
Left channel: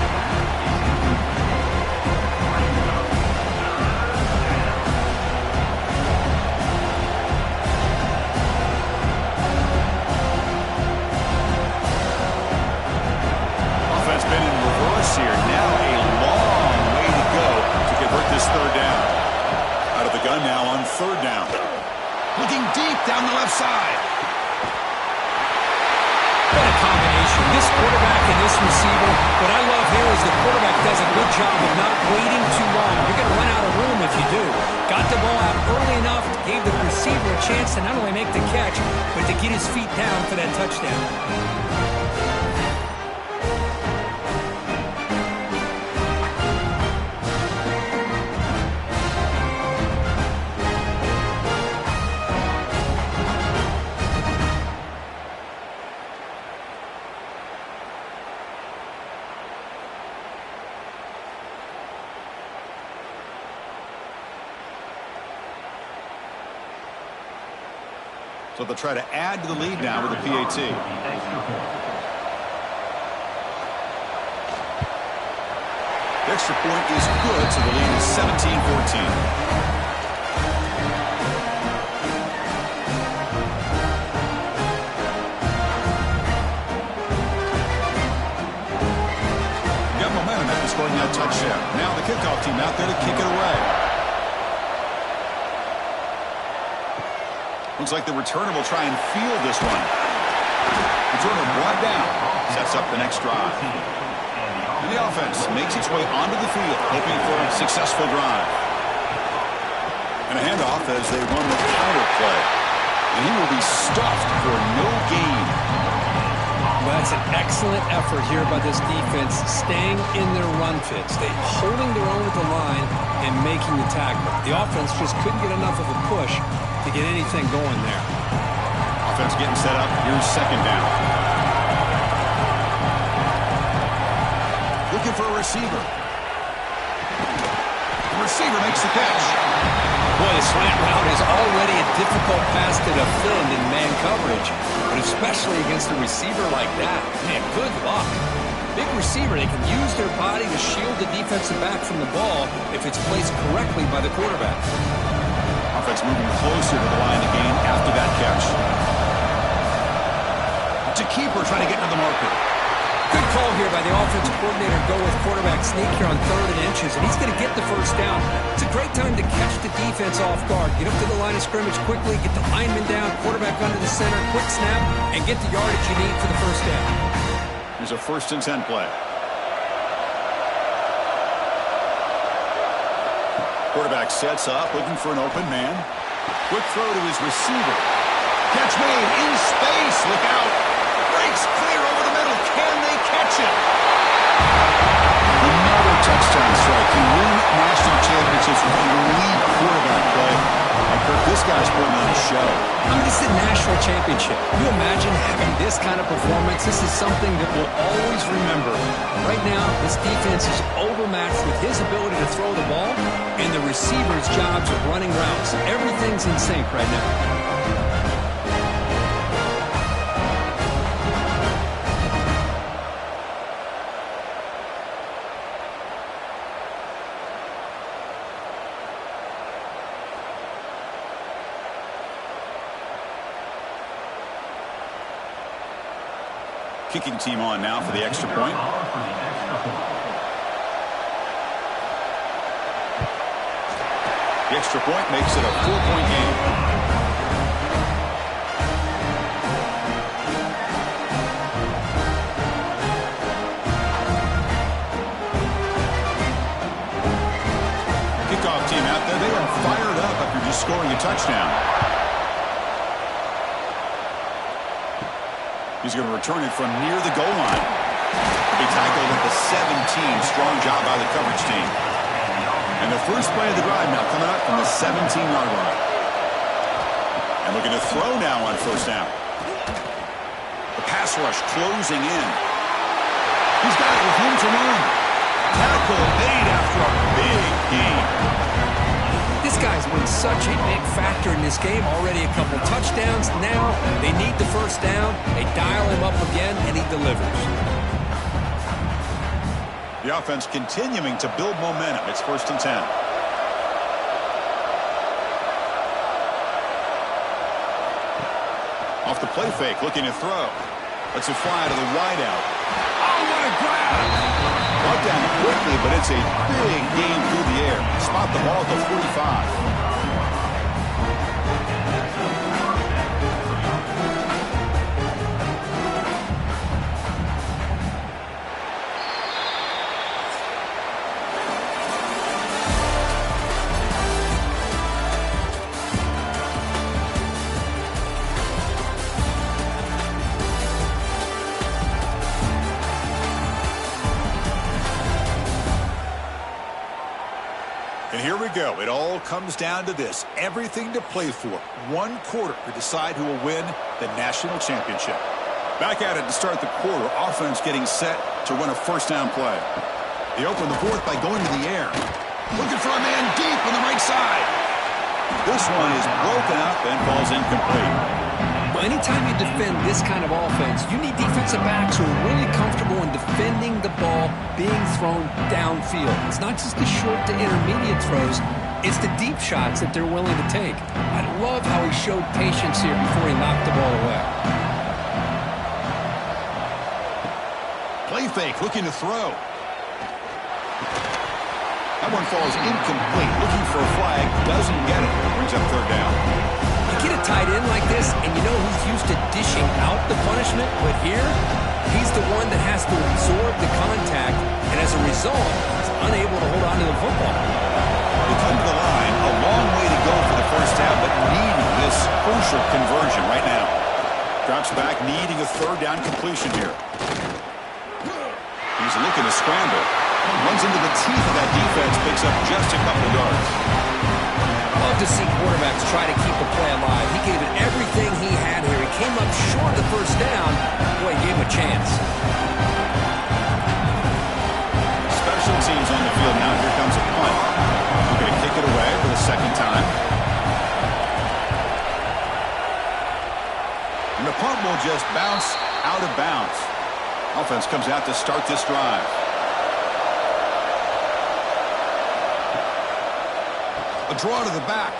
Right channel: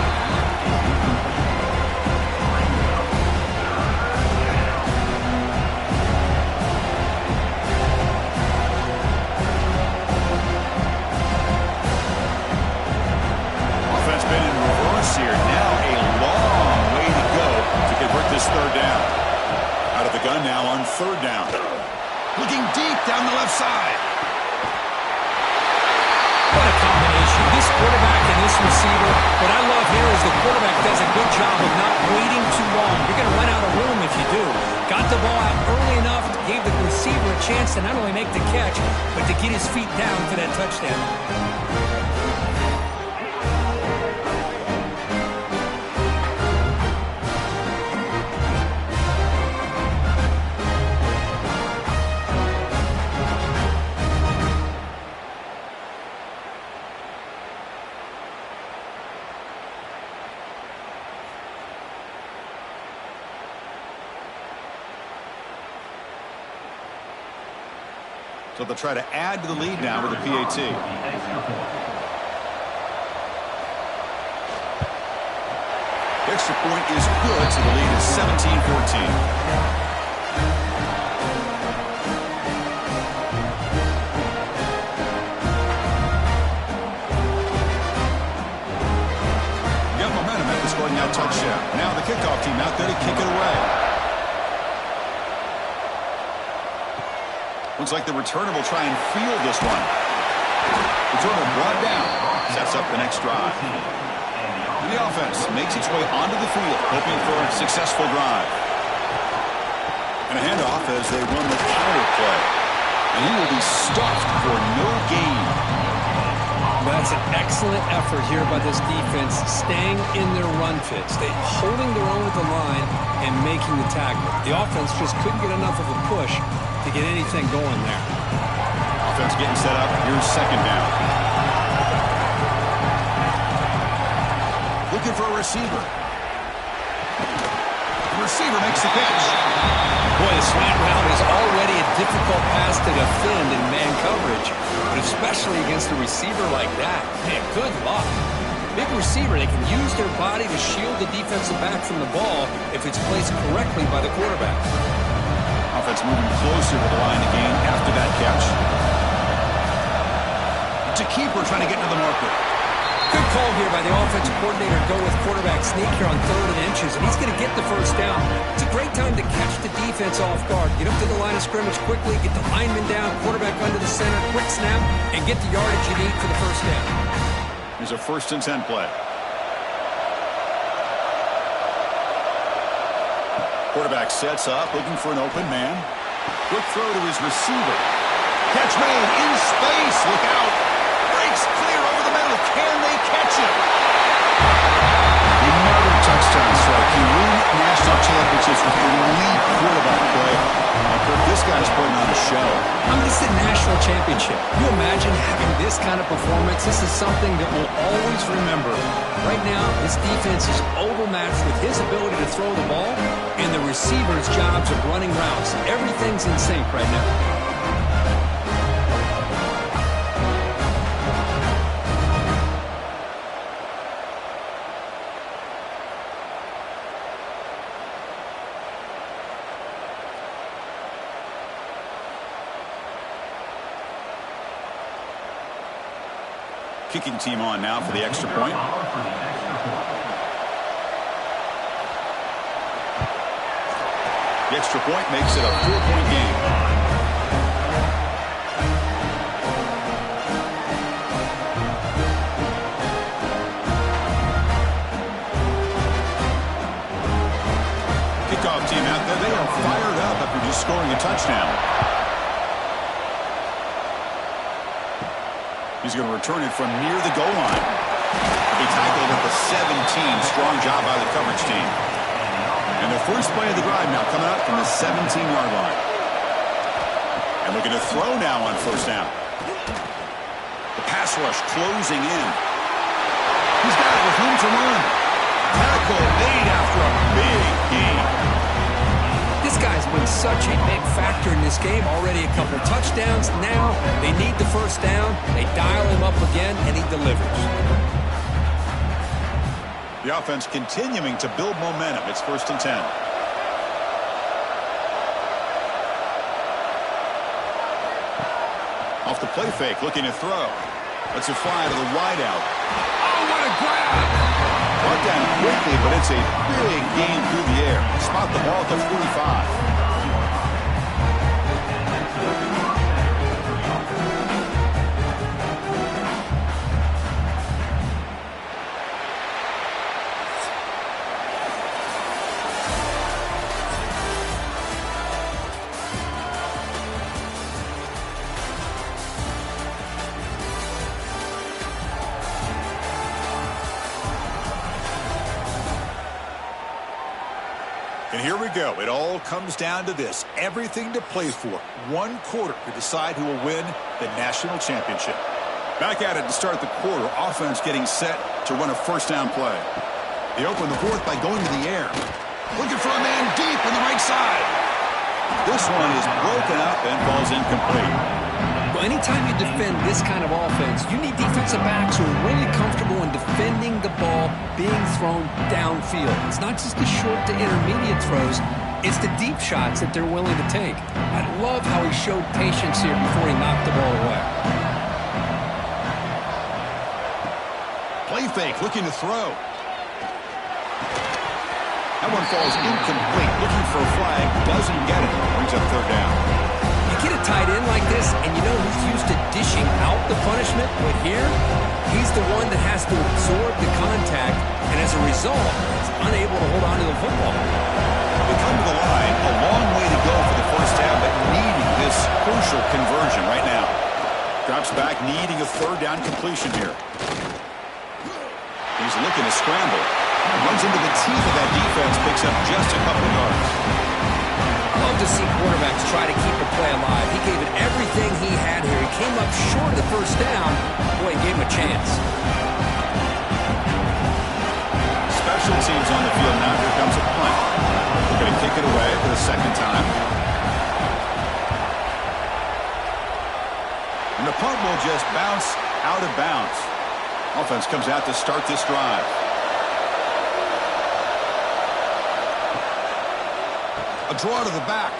Offense been in reverse here. Now a long way to go to convert this 3rd down. Out of the gun now on 3rd down. Looking deep down the left side. What a combination. This quarterback and this receiver. What I love here is the quarterback does a good job of not waiting too long. You're going to run out of room if you do. Got the ball out early enough, gave the receiver a chance to not only make the catch, but to get his feet down for that touchdown. So they'll try to add to the lead now with a PAT. The extra point is good, so the lead is 17-14. scoring that touchdown. Now the kickoff team out there to kick it away. Looks like the returner will try and field this one. Returner brought down. Sets up the next drive. And the offense makes its way onto the field, hoping for a successful drive. And a handoff as they run the counter play. And he will be stuffed for no gain. Well, that's an excellent effort here by this defense, staying in their run fits. They holding their own at the line and making the tackle. The offense just couldn't get enough of a push to get anything going there. Offense getting set up. Here's second down. Looking for a receiver. The receiver makes the catch. Boy, the slant route is already a difficult pass to defend in man coverage, but especially against a receiver like that. Man, good luck. Big receiver, they can use their body to shield the defensive back from the ball if it's placed correctly by the quarterback. Offense moving closer to the line of gain after that catch. To keeper trying to get into the marker. Good call here by the offensive coordinator to go with quarterback sneak here on 3rd and inches, and he's going to get the first down. It's a great time to catch the defense off guard. Get up to the line of scrimmage quickly, get the lineman down, quarterback under the center, quick snap, and get the yardage you need for the first down. Here's a 1st and 10 play. Quarterback sets up, looking for an open man. Quick throw to his receiver. Catch made in space. Look out. Breaks clear over the middle. Can they catch him? Another touchdown strike. You win national championships with elite quarterback play. And Kirk, this guy's putting on a show. I mean, it's a national championship. Can you imagine having this kind of performance? This is something that we'll always remember. Right now, this defense is overmatched with his ability to throw the ball and the receiver's jobs of running routes. Everything's in sync right now. Kicking team on now for the extra point. The extra point makes it a 4-point game. Kickoff team out there. They are fired up after just scoring a touchdown. He's going to return it from near the goal line. He tackled at the 17. Strong job by the coverage team. And the first play of the drive now coming up from the 17-yard line. And looking to throw now on 1st down. The pass rush closing in. He's got it with room to run. Tackle made after a big gain. This guy's been such a big factor in this game. Already a couple touchdowns. Now they need the first down. They dial him up again, and he delivers. The offense continuing to build momentum. It's 1st and 10. Off the play fake, looking to throw. Lets it fly to the wideout. Oh, what a grab! Brought down quickly, but it's a big gain through the air. Spot the ball at the 45. And here we go. It all comes down to this. Everything to play for. 1 quarter to decide who will win the national championship. Back at it to start the quarter. Offense getting set to run a 1st down play. They open the 4th by going to the air. Looking for a man deep on the right side. This one is broken up and falls incomplete. Well, anytime you defend this kind of offense, you need defensive backs who are really comfortable in defending the ball being thrown downfield. It's not just the short to intermediate throws. It's the deep shots that they're willing to take. I love how he showed patience here before he knocked the ball away. Play fake, looking to throw. one falls incomplete. Looking for a flag. Doesn't get it. Brings up third down. You get a tight end like this, and you know he's used to dishing out the punishment, but here, he's the one that has to absorb the contact, and as a result, he's unable to hold on to the football. They come to the line, a long way to go for the first down, but needing this crucial conversion right now. Drops back, needing a third down completion here. He's looking to scramble. Runs into the teeth of that defense, picks up just a couple of yards. Love to see quarterbacks try to keep a play alive. He gave it everything he had here. He came up short of the first down. Boy, he gave him a chance. Special teams on the field now. Here comes a punt. We're going to kick it away for the second time. And the punt will just bounce out of bounds. Offense comes out to start this drive. A draw to the back.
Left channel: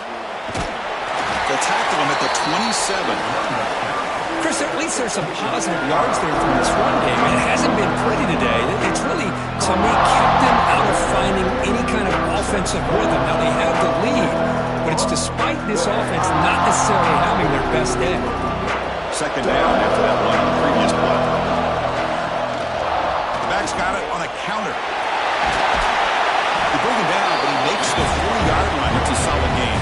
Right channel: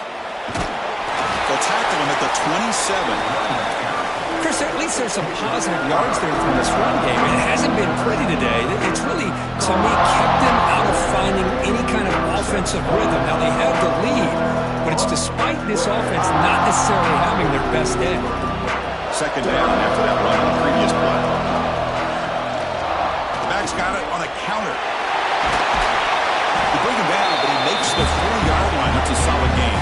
They'll tackle him at the 27. Chris, at least there's some positive yards there from this run game. It hasn't been pretty today. It's really, to me, kept them out of finding any kind of offensive rhythm. Now, they have the lead, but it's despite this offense not necessarily having their best day. Second down after that run on the previous play. The back's got it on a counter. They bring him down, but he makes the 40-yard line. That's a solid gain.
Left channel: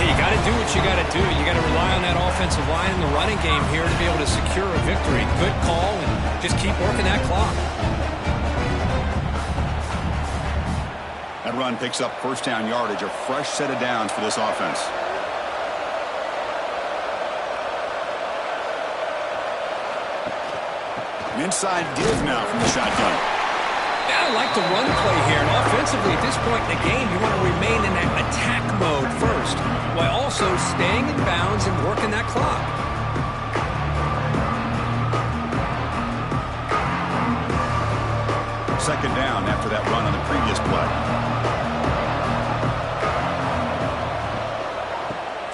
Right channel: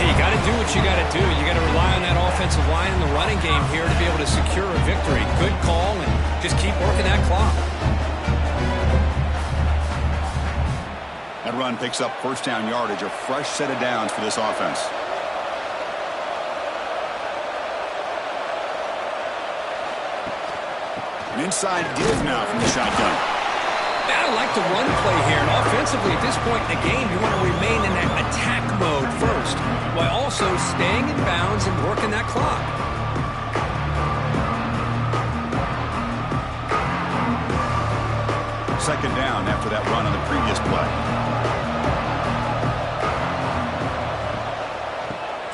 Hey, you got to do what you got to do. You got to rely on that offensive line in the running game here to be able to secure a victory. Good call, and just keep working that clock. That run picks up first down yardage, a fresh set of downs for this offense. An inside give now from the shotgun. Yeah, I like the run play here, and offensively at this point in the game, you want to remain in that attack mode first, while also staying in bounds and working that clock. Second down after that run on the previous play.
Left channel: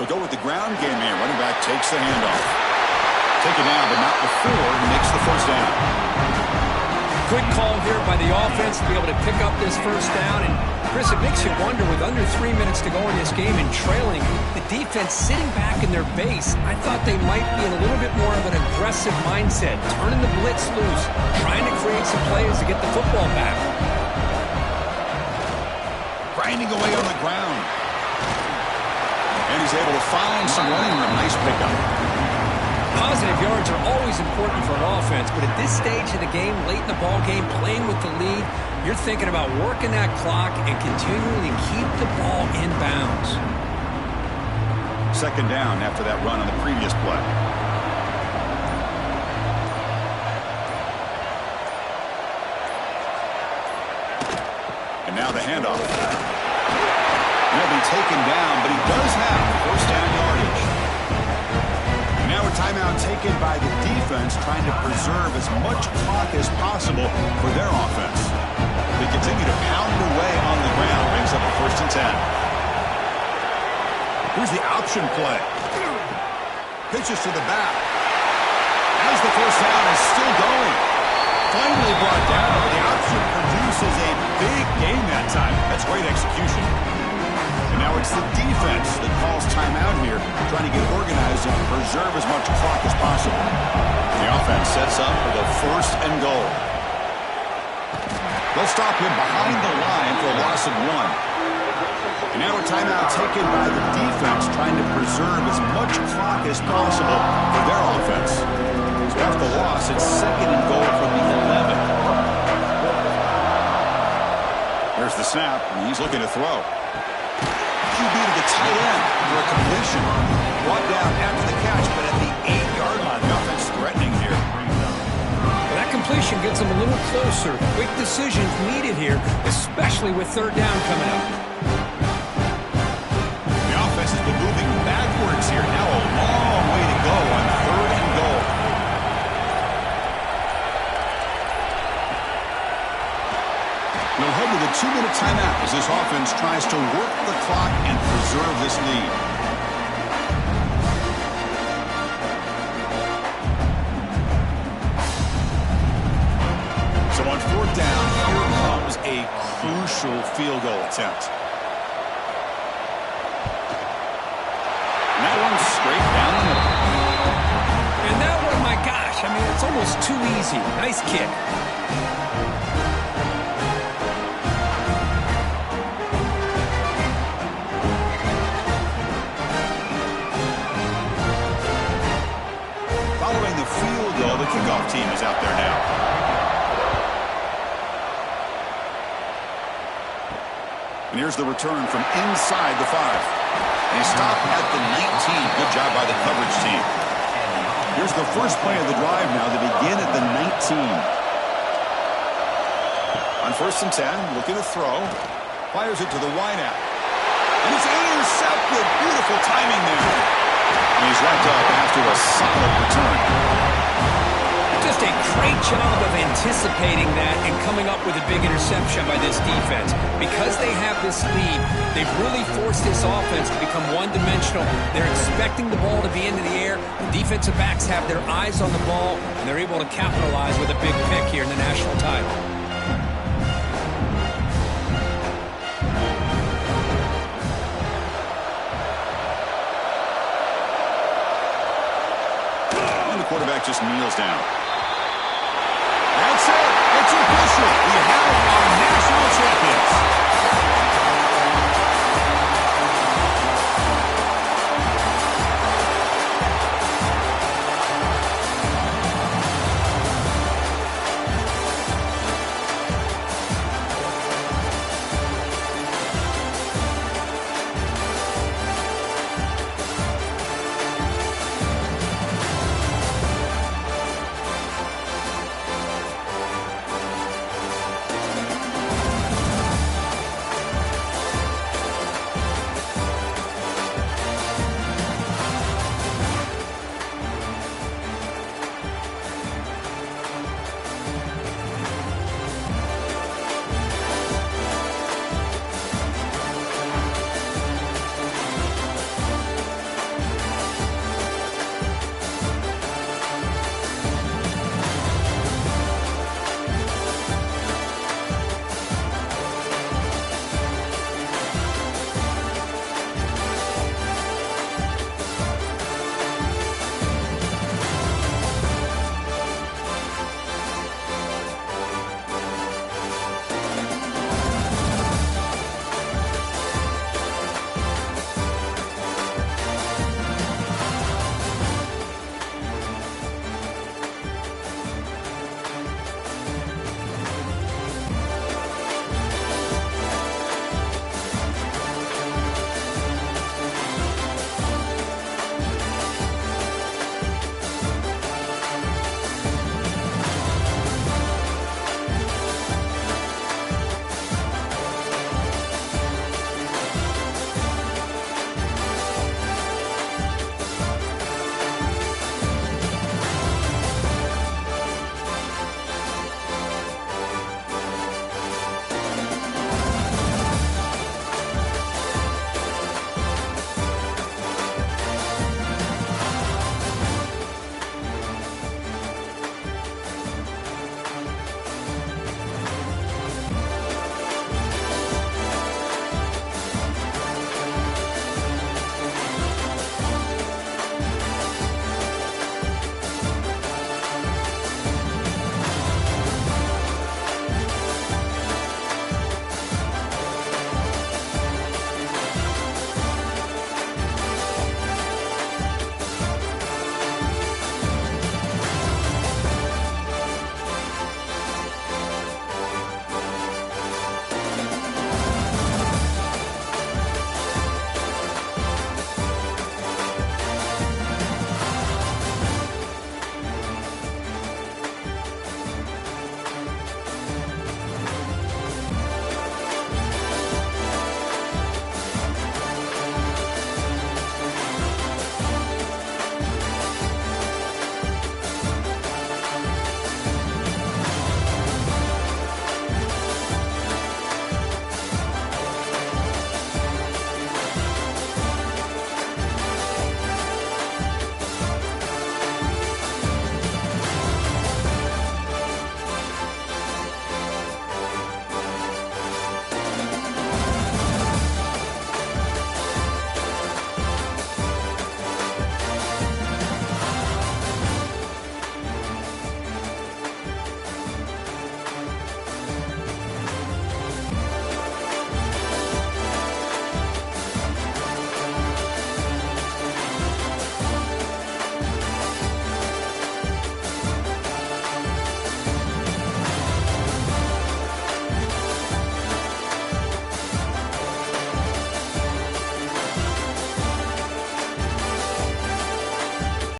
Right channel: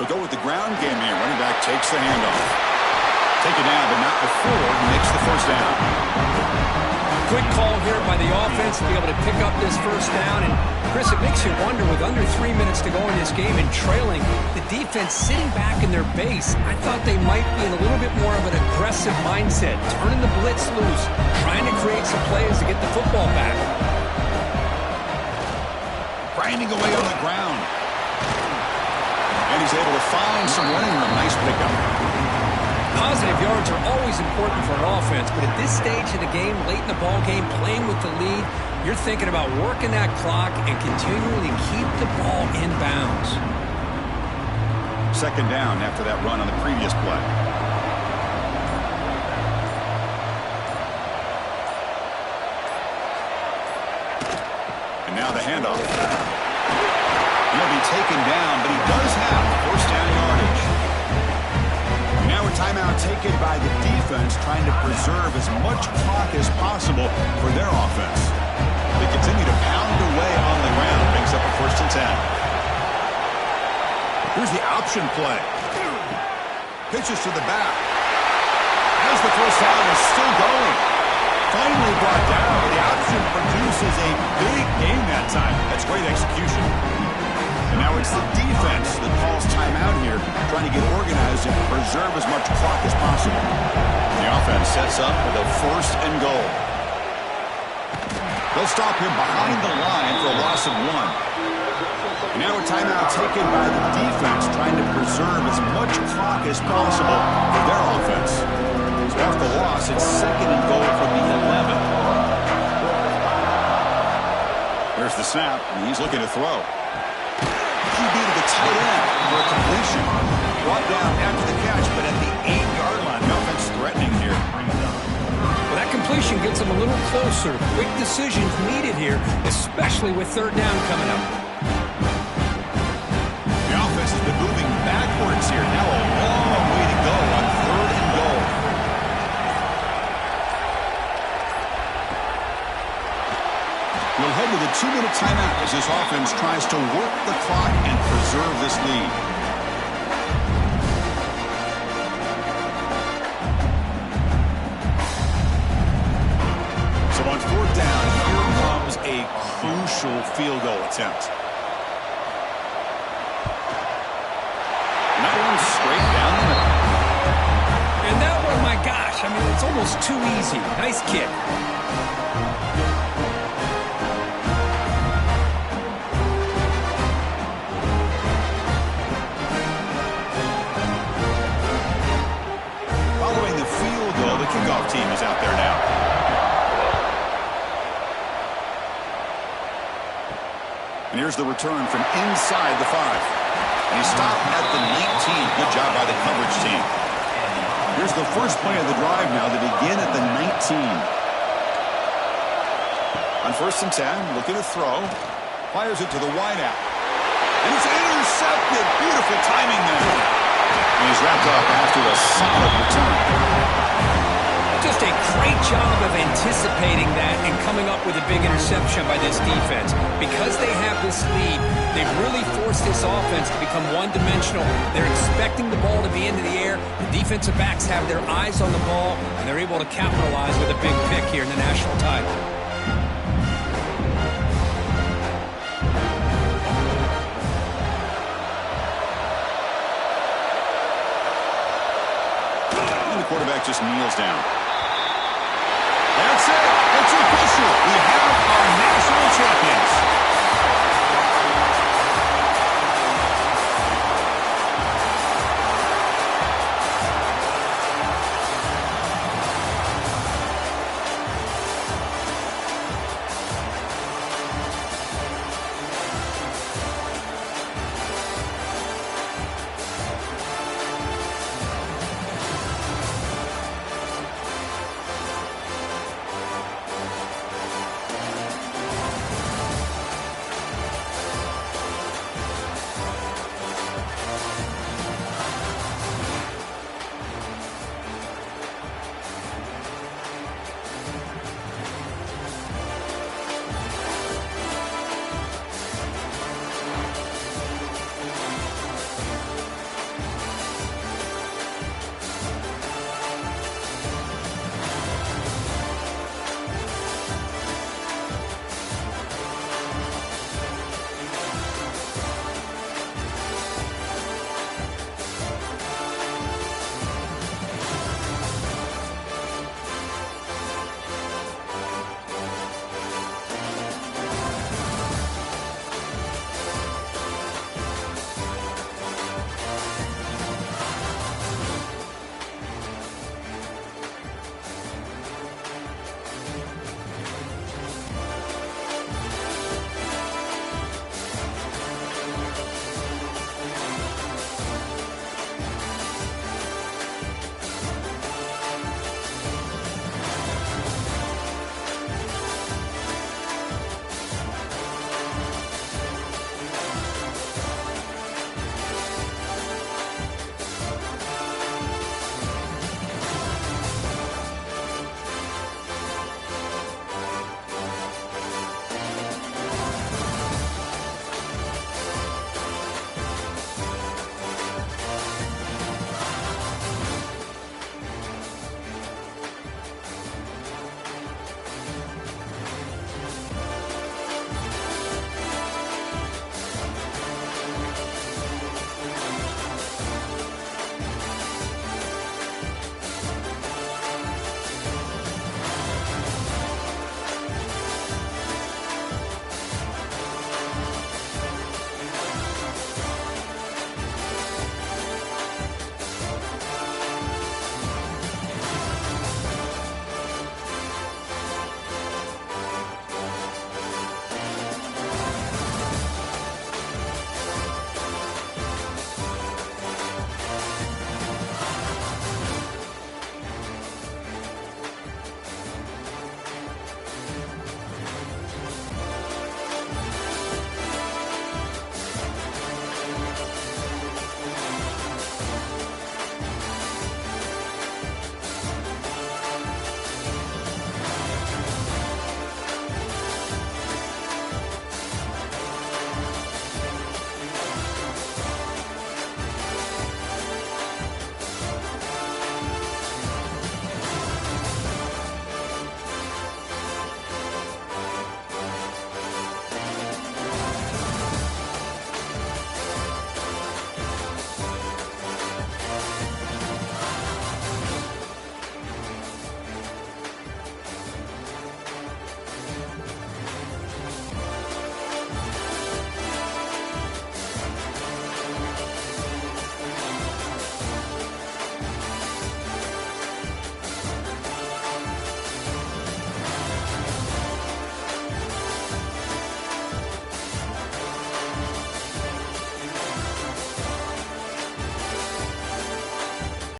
They'll go with the ground game here. Running back takes the handoff. Take it down, but not before he makes the first down. Good call here by the offense to be able to pick up this first down. And, Chris, it makes you wonder, with under 3 minutes to go in this game and trailing, the defense sitting back in their base, I thought they might be in a little bit more of an aggressive mindset, turning the blitz loose, trying to create some plays to get the football back. Grinding away on the ground. And he's able to find some running room. Nice pickup. Positive yards are always important for an offense, but at this stage of the game, late in the ball game, playing with the lead, you're thinking about working that clock and continuing to keep the ball in bounds. Second down after that run on the previous play. And now the handoff. And he'll be taken down, but he does have first down yardage. Now a timeout taken by the defense, trying to preserve as much clock as possible for their offense. They continue to pound away on the ground. Brings up a first and 10. Here's the option play. Pitches to the back. As the first down is still going. Finally brought down, but the option produces a big gain that time. That's great execution. And now it's the defense that calls timeout here, trying to get organized and preserve as much clock as possible. The offense sets up with a first and goal. They'll stop him behind the line for a loss of 1. And now a timeout taken by the defense, trying to preserve as much clock as possible for their offense. So after the loss, it's second and goal from the 11. There's the snap, and he's looking to throw. QB to the tight end for a completion. Brought down after the catch, but at the 8-yard line. The offense threatening here. Well, that completion gets them a little closer. Quick decisions needed here, especially with third down coming up. The offense has been moving backwards here. Now a long way to go on third and goal. We'll head to the 2-minute timeout as this offense tries to work the clock and preserve this lead. So on fourth down, here comes was a crucial field goal attempt. And that one's straight down the middle. And that one, my gosh, I mean, it's almost too easy. Nice kick. Following the field goal, the kickoff team is out there now. And here's the return from inside the 5. And he stopped at the 19. Good job by the coverage team. Here's the first play of the drive now. They begin at the 19. On 1st and 10, looking to throw. Fires it to the wideout. And it's intercepted. Beautiful timing there. And he's wrapped up after a solid return. Just a great job of anticipating that and coming up with a big interception by this defense. Because they have this lead, they've really forced this offense to become one-dimensional. They're expecting the ball to be into the air. The defensive backs have their eyes on the ball, and they're able to capitalize with a big pick here in the national title. And the quarterback just kneels down. That's it. It's official. We have our national